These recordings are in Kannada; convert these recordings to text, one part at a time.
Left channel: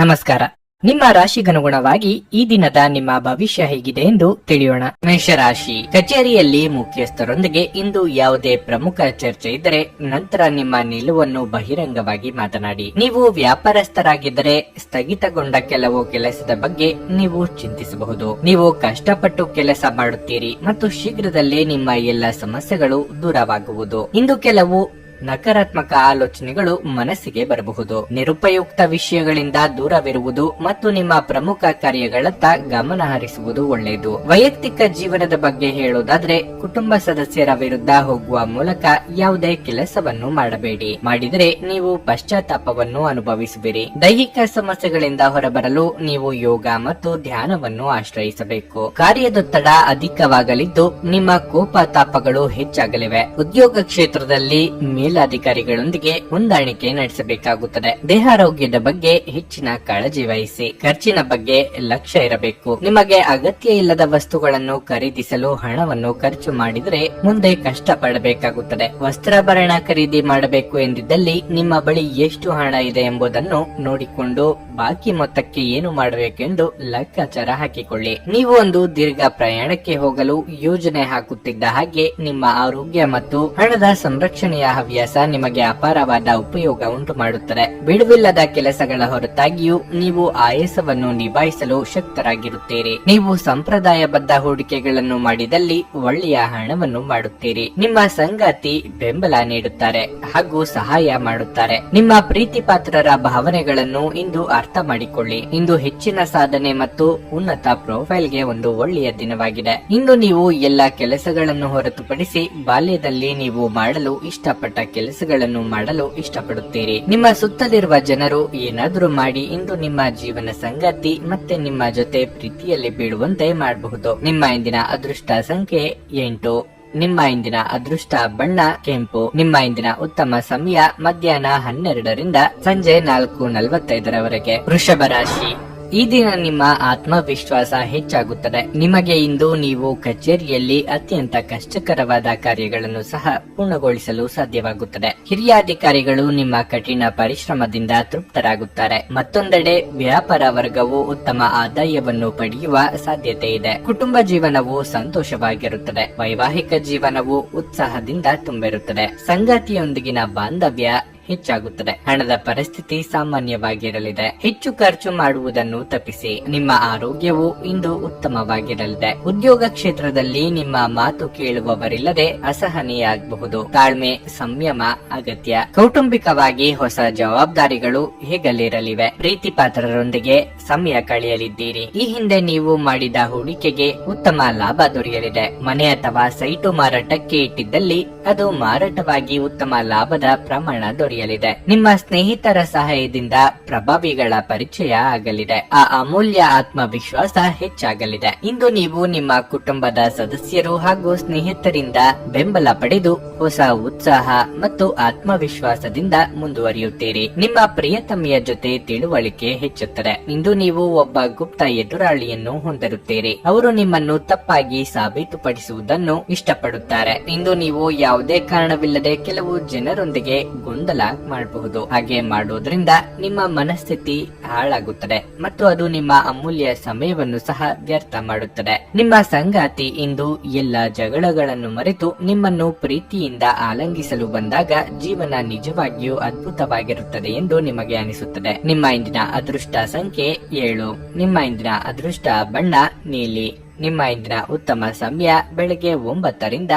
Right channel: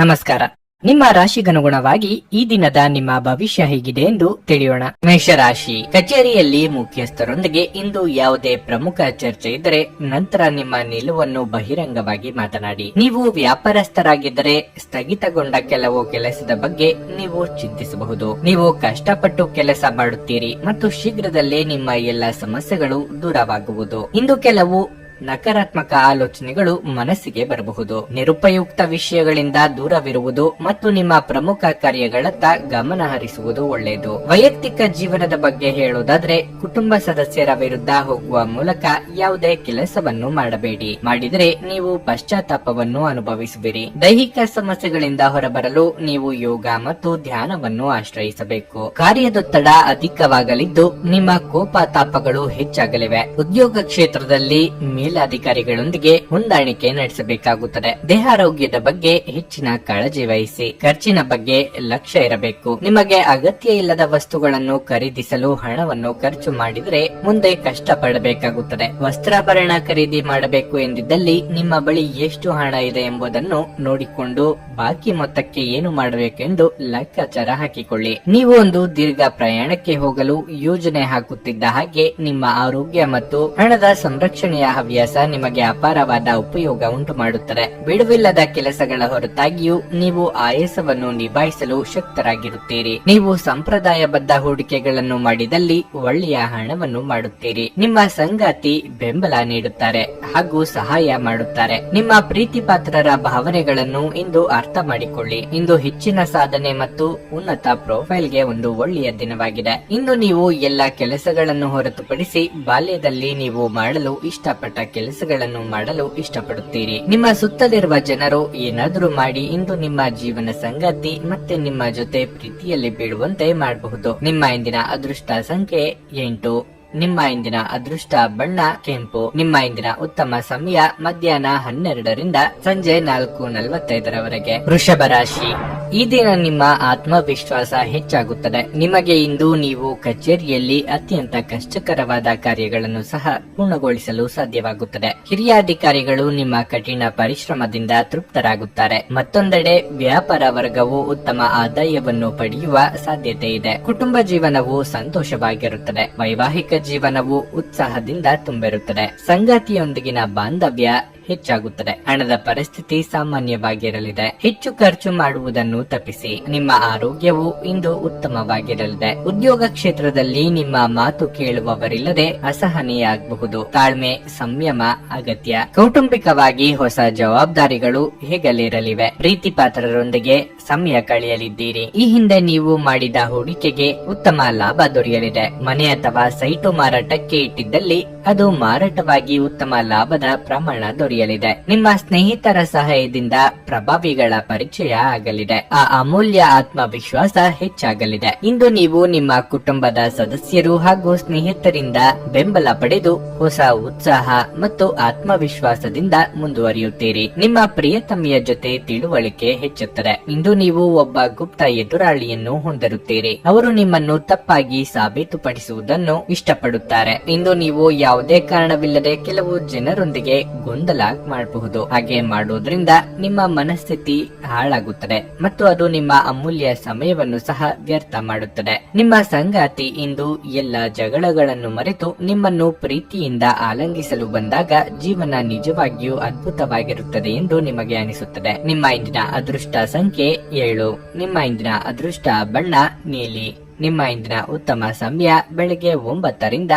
ನಮಸ್ಕಾರ. ನಿಮ್ಮ ರಾಶಿಗನುಗುಣವಾಗಿ ಈ ದಿನದ ನಿಮ್ಮ ಭವಿಷ್ಯ ಹೇಗಿದೆ ಎಂದು ತಿಳಿಯೋಣ. ಮೇಷರಾಶಿ, ಕಚೇರಿಯಲ್ಲಿ ಮುಖ್ಯಸ್ಥರೊಂದಿಗೆ ಇಂದು ಯಾವುದೇ ಪ್ರಮುಖ ಚರ್ಚೆ ಇದ್ದರೆ ನಂತರ ನಿಮ್ಮ ನಿಲುವನ್ನು ಬಹಿರಂಗವಾಗಿ ಮಾತನಾಡಿ. ನೀವು ವ್ಯಾಪಾರಸ್ಥರಾಗಿದ್ದರೆ ಸ್ಥಗಿತಗೊಂಡ ಕೆಲವು ಕೆಲಸದ ಬಗ್ಗೆ ನೀವು ಚಿಂತಿಸಬಹುದು. ನೀವು ಕಷ್ಟಪಟ್ಟು ಕೆಲಸ ಮಾಡುತ್ತೀರಿ ಮತ್ತು ಶೀಘ್ರದಲ್ಲೇ ನಿಮ್ಮ ಎಲ್ಲ ಸಮಸ್ಯೆಗಳು ದೂರವಾಗುವುದು. ಇಂದು ಕೆಲವು ನಕಾರಾತ್ಮಕ ಆಲೋಚನೆಗಳು ಮನಸ್ಸಿಗೆ ಬರಬಹುದು. ನಿರುಪಯುಕ್ತ ವಿಷಯಗಳಿಂದ ದೂರವಿರುವುದು ಮತ್ತು ನಿಮ್ಮ ಪ್ರಮುಖ ಕಾರ್ಯಗಳತ್ತ ಗಮನ ಹರಿಸುವುದು ಒಳ್ಳೆಯದು. ವೈಯಕ್ತಿಕ ಜೀವನದ ಬಗ್ಗೆ ಹೇಳುವುದಾದ್ರೆ, ಕುಟುಂಬ ಸದಸ್ಯರ ವಿರುದ್ಧ ಹೋಗುವ ಮೂಲಕ ಯಾವುದೇ ಕೆಲಸವನ್ನು ಮಾಡಬೇಡಿ. ಮಾಡಿದರೆ ನೀವು ಪಶ್ಚಾತ್ತಾಪವನ್ನು ಅನುಭವಿಸುವಿರಿ. ದೈಹಿಕ ಸಮಸ್ಯೆಗಳಿಂದ ಹೊರಬರಲು ನೀವು ಯೋಗ ಮತ್ತು ಧ್ಯಾನವನ್ನು ಆಶ್ರಯಿಸಬೇಕು. ಕಾರ್ಯದೊತ್ತಡ ಅಧಿಕವಾಗಲಿದ್ದು ನಿಮ್ಮ ಕೋಪ ತಾಪಗಳು ಹೆಚ್ಚಾಗಲಿವೆ. ಉದ್ಯೋಗ ಕ್ಷೇತ್ರದಲ್ಲಿ ಮೇಲಾಧಿಕಾರಿಗಳೊಂದಿಗೆ ಹೊಂದಾಣಿಕೆ ನಡೆಸಬೇಕಾಗುತ್ತದೆ. ದೇಹಾರೋಗ್ಯದ ಬಗ್ಗೆ ಹೆಚ್ಚಿನ ಕಾಳಜಿ ವಹಿಸಿ. ಖರ್ಚಿನ ಬಗ್ಗೆ ಲಕ್ಷ್ಯ ಇರಬೇಕು. ನಿಮಗೆ ಅಗತ್ಯ ಇಲ್ಲದ ವಸ್ತುಗಳನ್ನು ಖರೀದಿಸಲು ಹಣವನ್ನು ಖರ್ಚು ಮಾಡಿದರೆ ಮುಂದೆ ಕಷ್ಟ ಪಡಬೇಕಾಗುತ್ತದೆ. ವಸ್ತ್ರಾಭರಣ ಖರೀದಿ ಮಾಡಬೇಕು ಎಂದಿದ್ದಲ್ಲಿ ನಿಮ್ಮ ಬಳಿ ಎಷ್ಟು ಹಣ ಇದೆ ಎಂಬುದನ್ನು ನೋಡಿಕೊಂಡು ಬಾಕಿ ಮೊತ್ತಕ್ಕೆ ಏನು ಮಾಡಬೇಕೆಂದು ಲೆಕ್ಕಾಚಾರ ಹಾಕಿಕೊಳ್ಳಿ. ನೀವು ಒಂದು ದೀರ್ಘ ಪ್ರಯಾಣಕ್ಕೆ ಹೋಗಲು ಯೋಜನೆ ಹಾಕುತ್ತಿದ್ದ ಹಾಗೆ ನಿಮ್ಮ ಆರೋಗ್ಯ ಮತ್ತು ಹಣದ ಸಂರಕ್ಷಣೆಯ ಹವ್ಯಾಸ ನಿಮಗೆ ಅಪಾರವಾದ ಉಪಯೋಗ ಉಂಟು ಮಾಡುತ್ತದೆ. ಬಿಡುವಿಲ್ಲದ ಕೆಲಸಗಳ ಹೊರತಾಗಿಯೂ ನೀವು ಆಯಾಸವನ್ನು ನಿಭಾಯಿಸಲು ಶಕ್ತರಾಗಿರುತ್ತೀರಿ. ನೀವು ಸಂಪ್ರದಾಯಬದ್ಧ ಹೂಡಿಕೆಗಳನ್ನು ಮಾಡಿದಲ್ಲಿ ಒಳ್ಳೆಯ ಹಣವನ್ನು ಮಾಡುತ್ತೀರಿ. ನಿಮ್ಮ ಸಂಗಾತಿ ಬೆಂಬಲ ನೀಡುತ್ತಾರೆ ಹಾಗೂ ಸಹಾಯ ಮಾಡುತ್ತಾರೆ. ನಿಮ್ಮ ಪ್ರೀತಿ ಪಾತ್ರರ ಭಾವನೆಗಳನ್ನು ಇಂದು ಅರ್ಥ ಮಾಡಿಕೊಳ್ಳಿ. ಇಂದು ಹೆಚ್ಚಿನ ಸಾಧನೆ ಮತ್ತು ಉನ್ನತ ಪ್ರೊಫೈಲ್ಗೆ ಒಂದು ಒಳ್ಳೆಯ ದಿನವಾಗಿದೆ. ಇಂದು ನೀವು ಎಲ್ಲ ಕೆಲಸಗಳನ್ನು ಹೊರತುಪಡಿಸಿ ಬಾಲ್ಯದಲ್ಲಿ ನೀವು ಮಾಡಲು ಇಷ್ಟಪಟ್ಟ ಕೆಲಸಗಳನ್ನು ಮಾಡಲು ಇಷ್ಟಪಡುತ್ತೀರಿ. ನಿಮ್ಮ ಸುತ್ತಲಿರುವ ಜನರು ಏನಾದರೂ ಮಾಡಿ ಇಂದು ನಿಮ್ಮ ಜೀವನ ಸಂಗಾತಿ ಮತ್ತೆ ನಿಮ್ಮ ಜೊತೆ ಪ್ರೀತಿಯಲ್ಲಿ ಬೀಳುವಂತೆ ಮಾಡಬಹುದು. ನಿಮ್ಮ ಇಂದಿನ ಅದೃಷ್ಟ ಸಂಖ್ಯೆ 8. ನಿಮ್ಮ ಇಂದಿನ ಅದೃಷ್ಟ ಬಣ್ಣ ಕೆಂಪು. ನಿಮ್ಮ ಇಂದಿನ ಉತ್ತಮ ಸಮಯ ಮಧ್ಯಾಹ್ನ 12ರಿಂದ ಸಂಜೆ 4:45 ವೃಷಭ ರಾಶಿ, ಈ ದಿನ ನಿಮ್ಮ ಆತ್ಮವಿಶ್ವಾಸ ಹೆಚ್ಚಾಗುತ್ತದೆ. ನಿಮಗೆ ಇಂದು ನೀವು ಕಚೇರಿಯಲ್ಲಿ ಅತ್ಯಂತ ಕಷ್ಟಕರವಾದ ಕಾರ್ಯಗಳನ್ನು ಸಹ ಪೂರ್ಣಗೊಳಿಸಲು ಸಾಧ್ಯವಾಗುತ್ತದೆ. ಹಿರಿಯ ಅಧಿಕಾರಿಗಳು ನಿಮ್ಮ ಕಠಿಣ ಪರಿಶ್ರಮದಿಂದ ತೃಪ್ತರಾಗುತ್ತಾರೆ. ಮತ್ತೊಂದೆಡೆ ವ್ಯಾಪಾರ ವರ್ಗವು ಉತ್ತಮ ಆದಾಯವನ್ನು ಪಡೆಯುವ ಸಾಧ್ಯತೆ ಇದೆ. ಕುಟುಂಬ ಜೀವನವು ಸಂತೋಷವಾಗಿರುತ್ತದೆ. ವೈವಾಹಿಕ ಜೀವನವು ಉತ್ಸಾಹದಿಂದ ತುಂಬಿರುತ್ತದೆ. ಸಂಗಾತಿಯೊಂದಿಗಿನ ಬಾಂಧವ್ಯ ಹೆಚ್ಚಾಗುತ್ತದೆ. ಹಣದ ಪರಿಸ್ಥಿತಿ ಸಾಮಾನ್ಯವಾಗಿರಲಿದೆ. ಹೆಚ್ಚು ಖರ್ಚು ಮಾಡುವುದನ್ನು ತಪ್ಪಿಸಿ. ನಿಮ್ಮ ಆರೋಗ್ಯವು ಇಂದು ಉತ್ತಮವಾಗಿರಲಿದೆ. ಉದ್ಯೋಗ ಕ್ಷೇತ್ರದಲ್ಲಿ ನಿಮ್ಮ ಮಾತು ಕೇಳುವವರಿಲ್ಲದೆ ಅಸಹನೀಯರಾಗಬಹುದು. ತಾಳ್ಮೆ ಸಂಯಮ ಅಗತ್ಯ. ಕೌಟುಂಬಿಕವಾಗಿ ಹೊಸ ಜವಾಬ್ದಾರಿಗಳು ಹೆಗಲೇರಲಿವೆ. ಪ್ರೀತಿ ಪಾತ್ರರೊಂದಿಗೆ ಸಮಯ ಕಳೆಯಲಿದ್ದೀರಿ. ಈ ಹಿಂದೆ ನೀವು ಮಾಡಿದ ಹೂಡಿಕೆಗೆ ಉತ್ತಮ ಲಾಭ ದೊರೆಯಲಿದೆ. ಮನೆ ಅಥವಾ ಸೈಟು ಮಾರಾಟಕ್ಕೆ ಇಟ್ಟಿದ್ದಲ್ಲಿ ಅದು ಮಾರಾಟವಾಗಿ ಉತ್ತಮ ಲಾಭದ ಪ್ರಮಾಣ ದೊರೆಯಲಿದೆ. ನಿಮ್ಮ ಸ್ನೇಹಿತರ ಸಹಾಯದಿಂದ ಪ್ರಭಾವಿಗಳ ಪರಿಚಯ ಆಗಲಿದೆ. ಆ ಅಮೂಲ್ಯ ಆತ್ಮವಿಶ್ವಾಸ ಹೆಚ್ಚಾಗಲಿದೆ. ಇಂದು ನೀವು ನಿಮ್ಮ ಕುಟುಂಬದ ಸದಸ್ಯರು ಹಾಗೂ ಸ್ನೇಹಿತರಿಂದ ಬೆಂಬಲ ಪಡೆದು ಹೊಸ ಉತ್ಸಾಹ ಮತ್ತು ಆತ್ಮವಿಶ್ವಾಸದಿಂದ ಮುಂದುವರಿಯುತ್ತೀರಿ. ನಿಮ್ಮ ಪ್ರಿಯತಮೆಯ ಜೊತೆ ತಿಳುವಳಿಕೆ ಹೆಚ್ಚುತ್ತದೆ. ಇಂದು ನೀವು ಒಬ್ಬ ಗುಪ್ತ ಎದುರಾಳಿಯನ್ನು ಹೊಂದಿರುತ್ತೀರಿ. ಅವರು ನಿಮ್ಮನ್ನು ತಪ್ಪಾಗಿ ಸಾಬೀತುಪಡಿಸುವುದನ್ನು ಇಷ್ಟಪಡುತ್ತಾರೆ. ಇಂದು ನೀವು ಯಾವುದೇ ಕಾರಣವಿಲ್ಲದೆ ಕೆಲವು ಜನರೊಂದಿಗೆ ಗೊಂದಲ ಮಾಡಬಹುದು. ಹಾಗೆ ಮಾಡುವುದರಿಂದ ನಿಮ್ಮ ಮನಸ್ಥಿತಿ ಹಾಳಾಗುತ್ತದೆ ಮತ್ತು ಅದು ನಿಮ್ಮ ಅಮೂಲ್ಯ ಸಮಯವನ್ನು ಸಹ ವ್ಯರ್ಥ ಮಾಡುತ್ತದೆ. ನಿಮ್ಮ ಸಂಗಾತಿ ಇಂದು ಎಲ್ಲ ಜಗಳಗಳನ್ನು ಮರೆತು ನಿಮ್ಮನ್ನು ಪ್ರೀತಿಯಿಂದ ಆಲಂಗಿಸಲು ಬಂದಾಗ ಜೀವನ ನಿಜವಾಗಿಯೂ ಅದ್ಭುತವಾಗಿರುತ್ತದೆ ಎಂದು ನಿಮಗೆ ಅನಿಸುತ್ತದೆ. ನಿಮ್ಮ ಇಂದಿನ ಅದೃಷ್ಟ ಸಂಖ್ಯೆ 7. ನಿಮ್ಮ ಇಂದಿನ ಅದೃಷ್ಟ ಬಣ್ಣ ನೀಲಿ. ನಿಮ್ಮ ಇಂದಿನ ಉತ್ತಮ ಸಮಯ ಬೆಳಗ್ಗೆ 9ರಿಂದ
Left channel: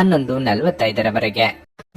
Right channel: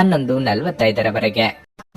11:45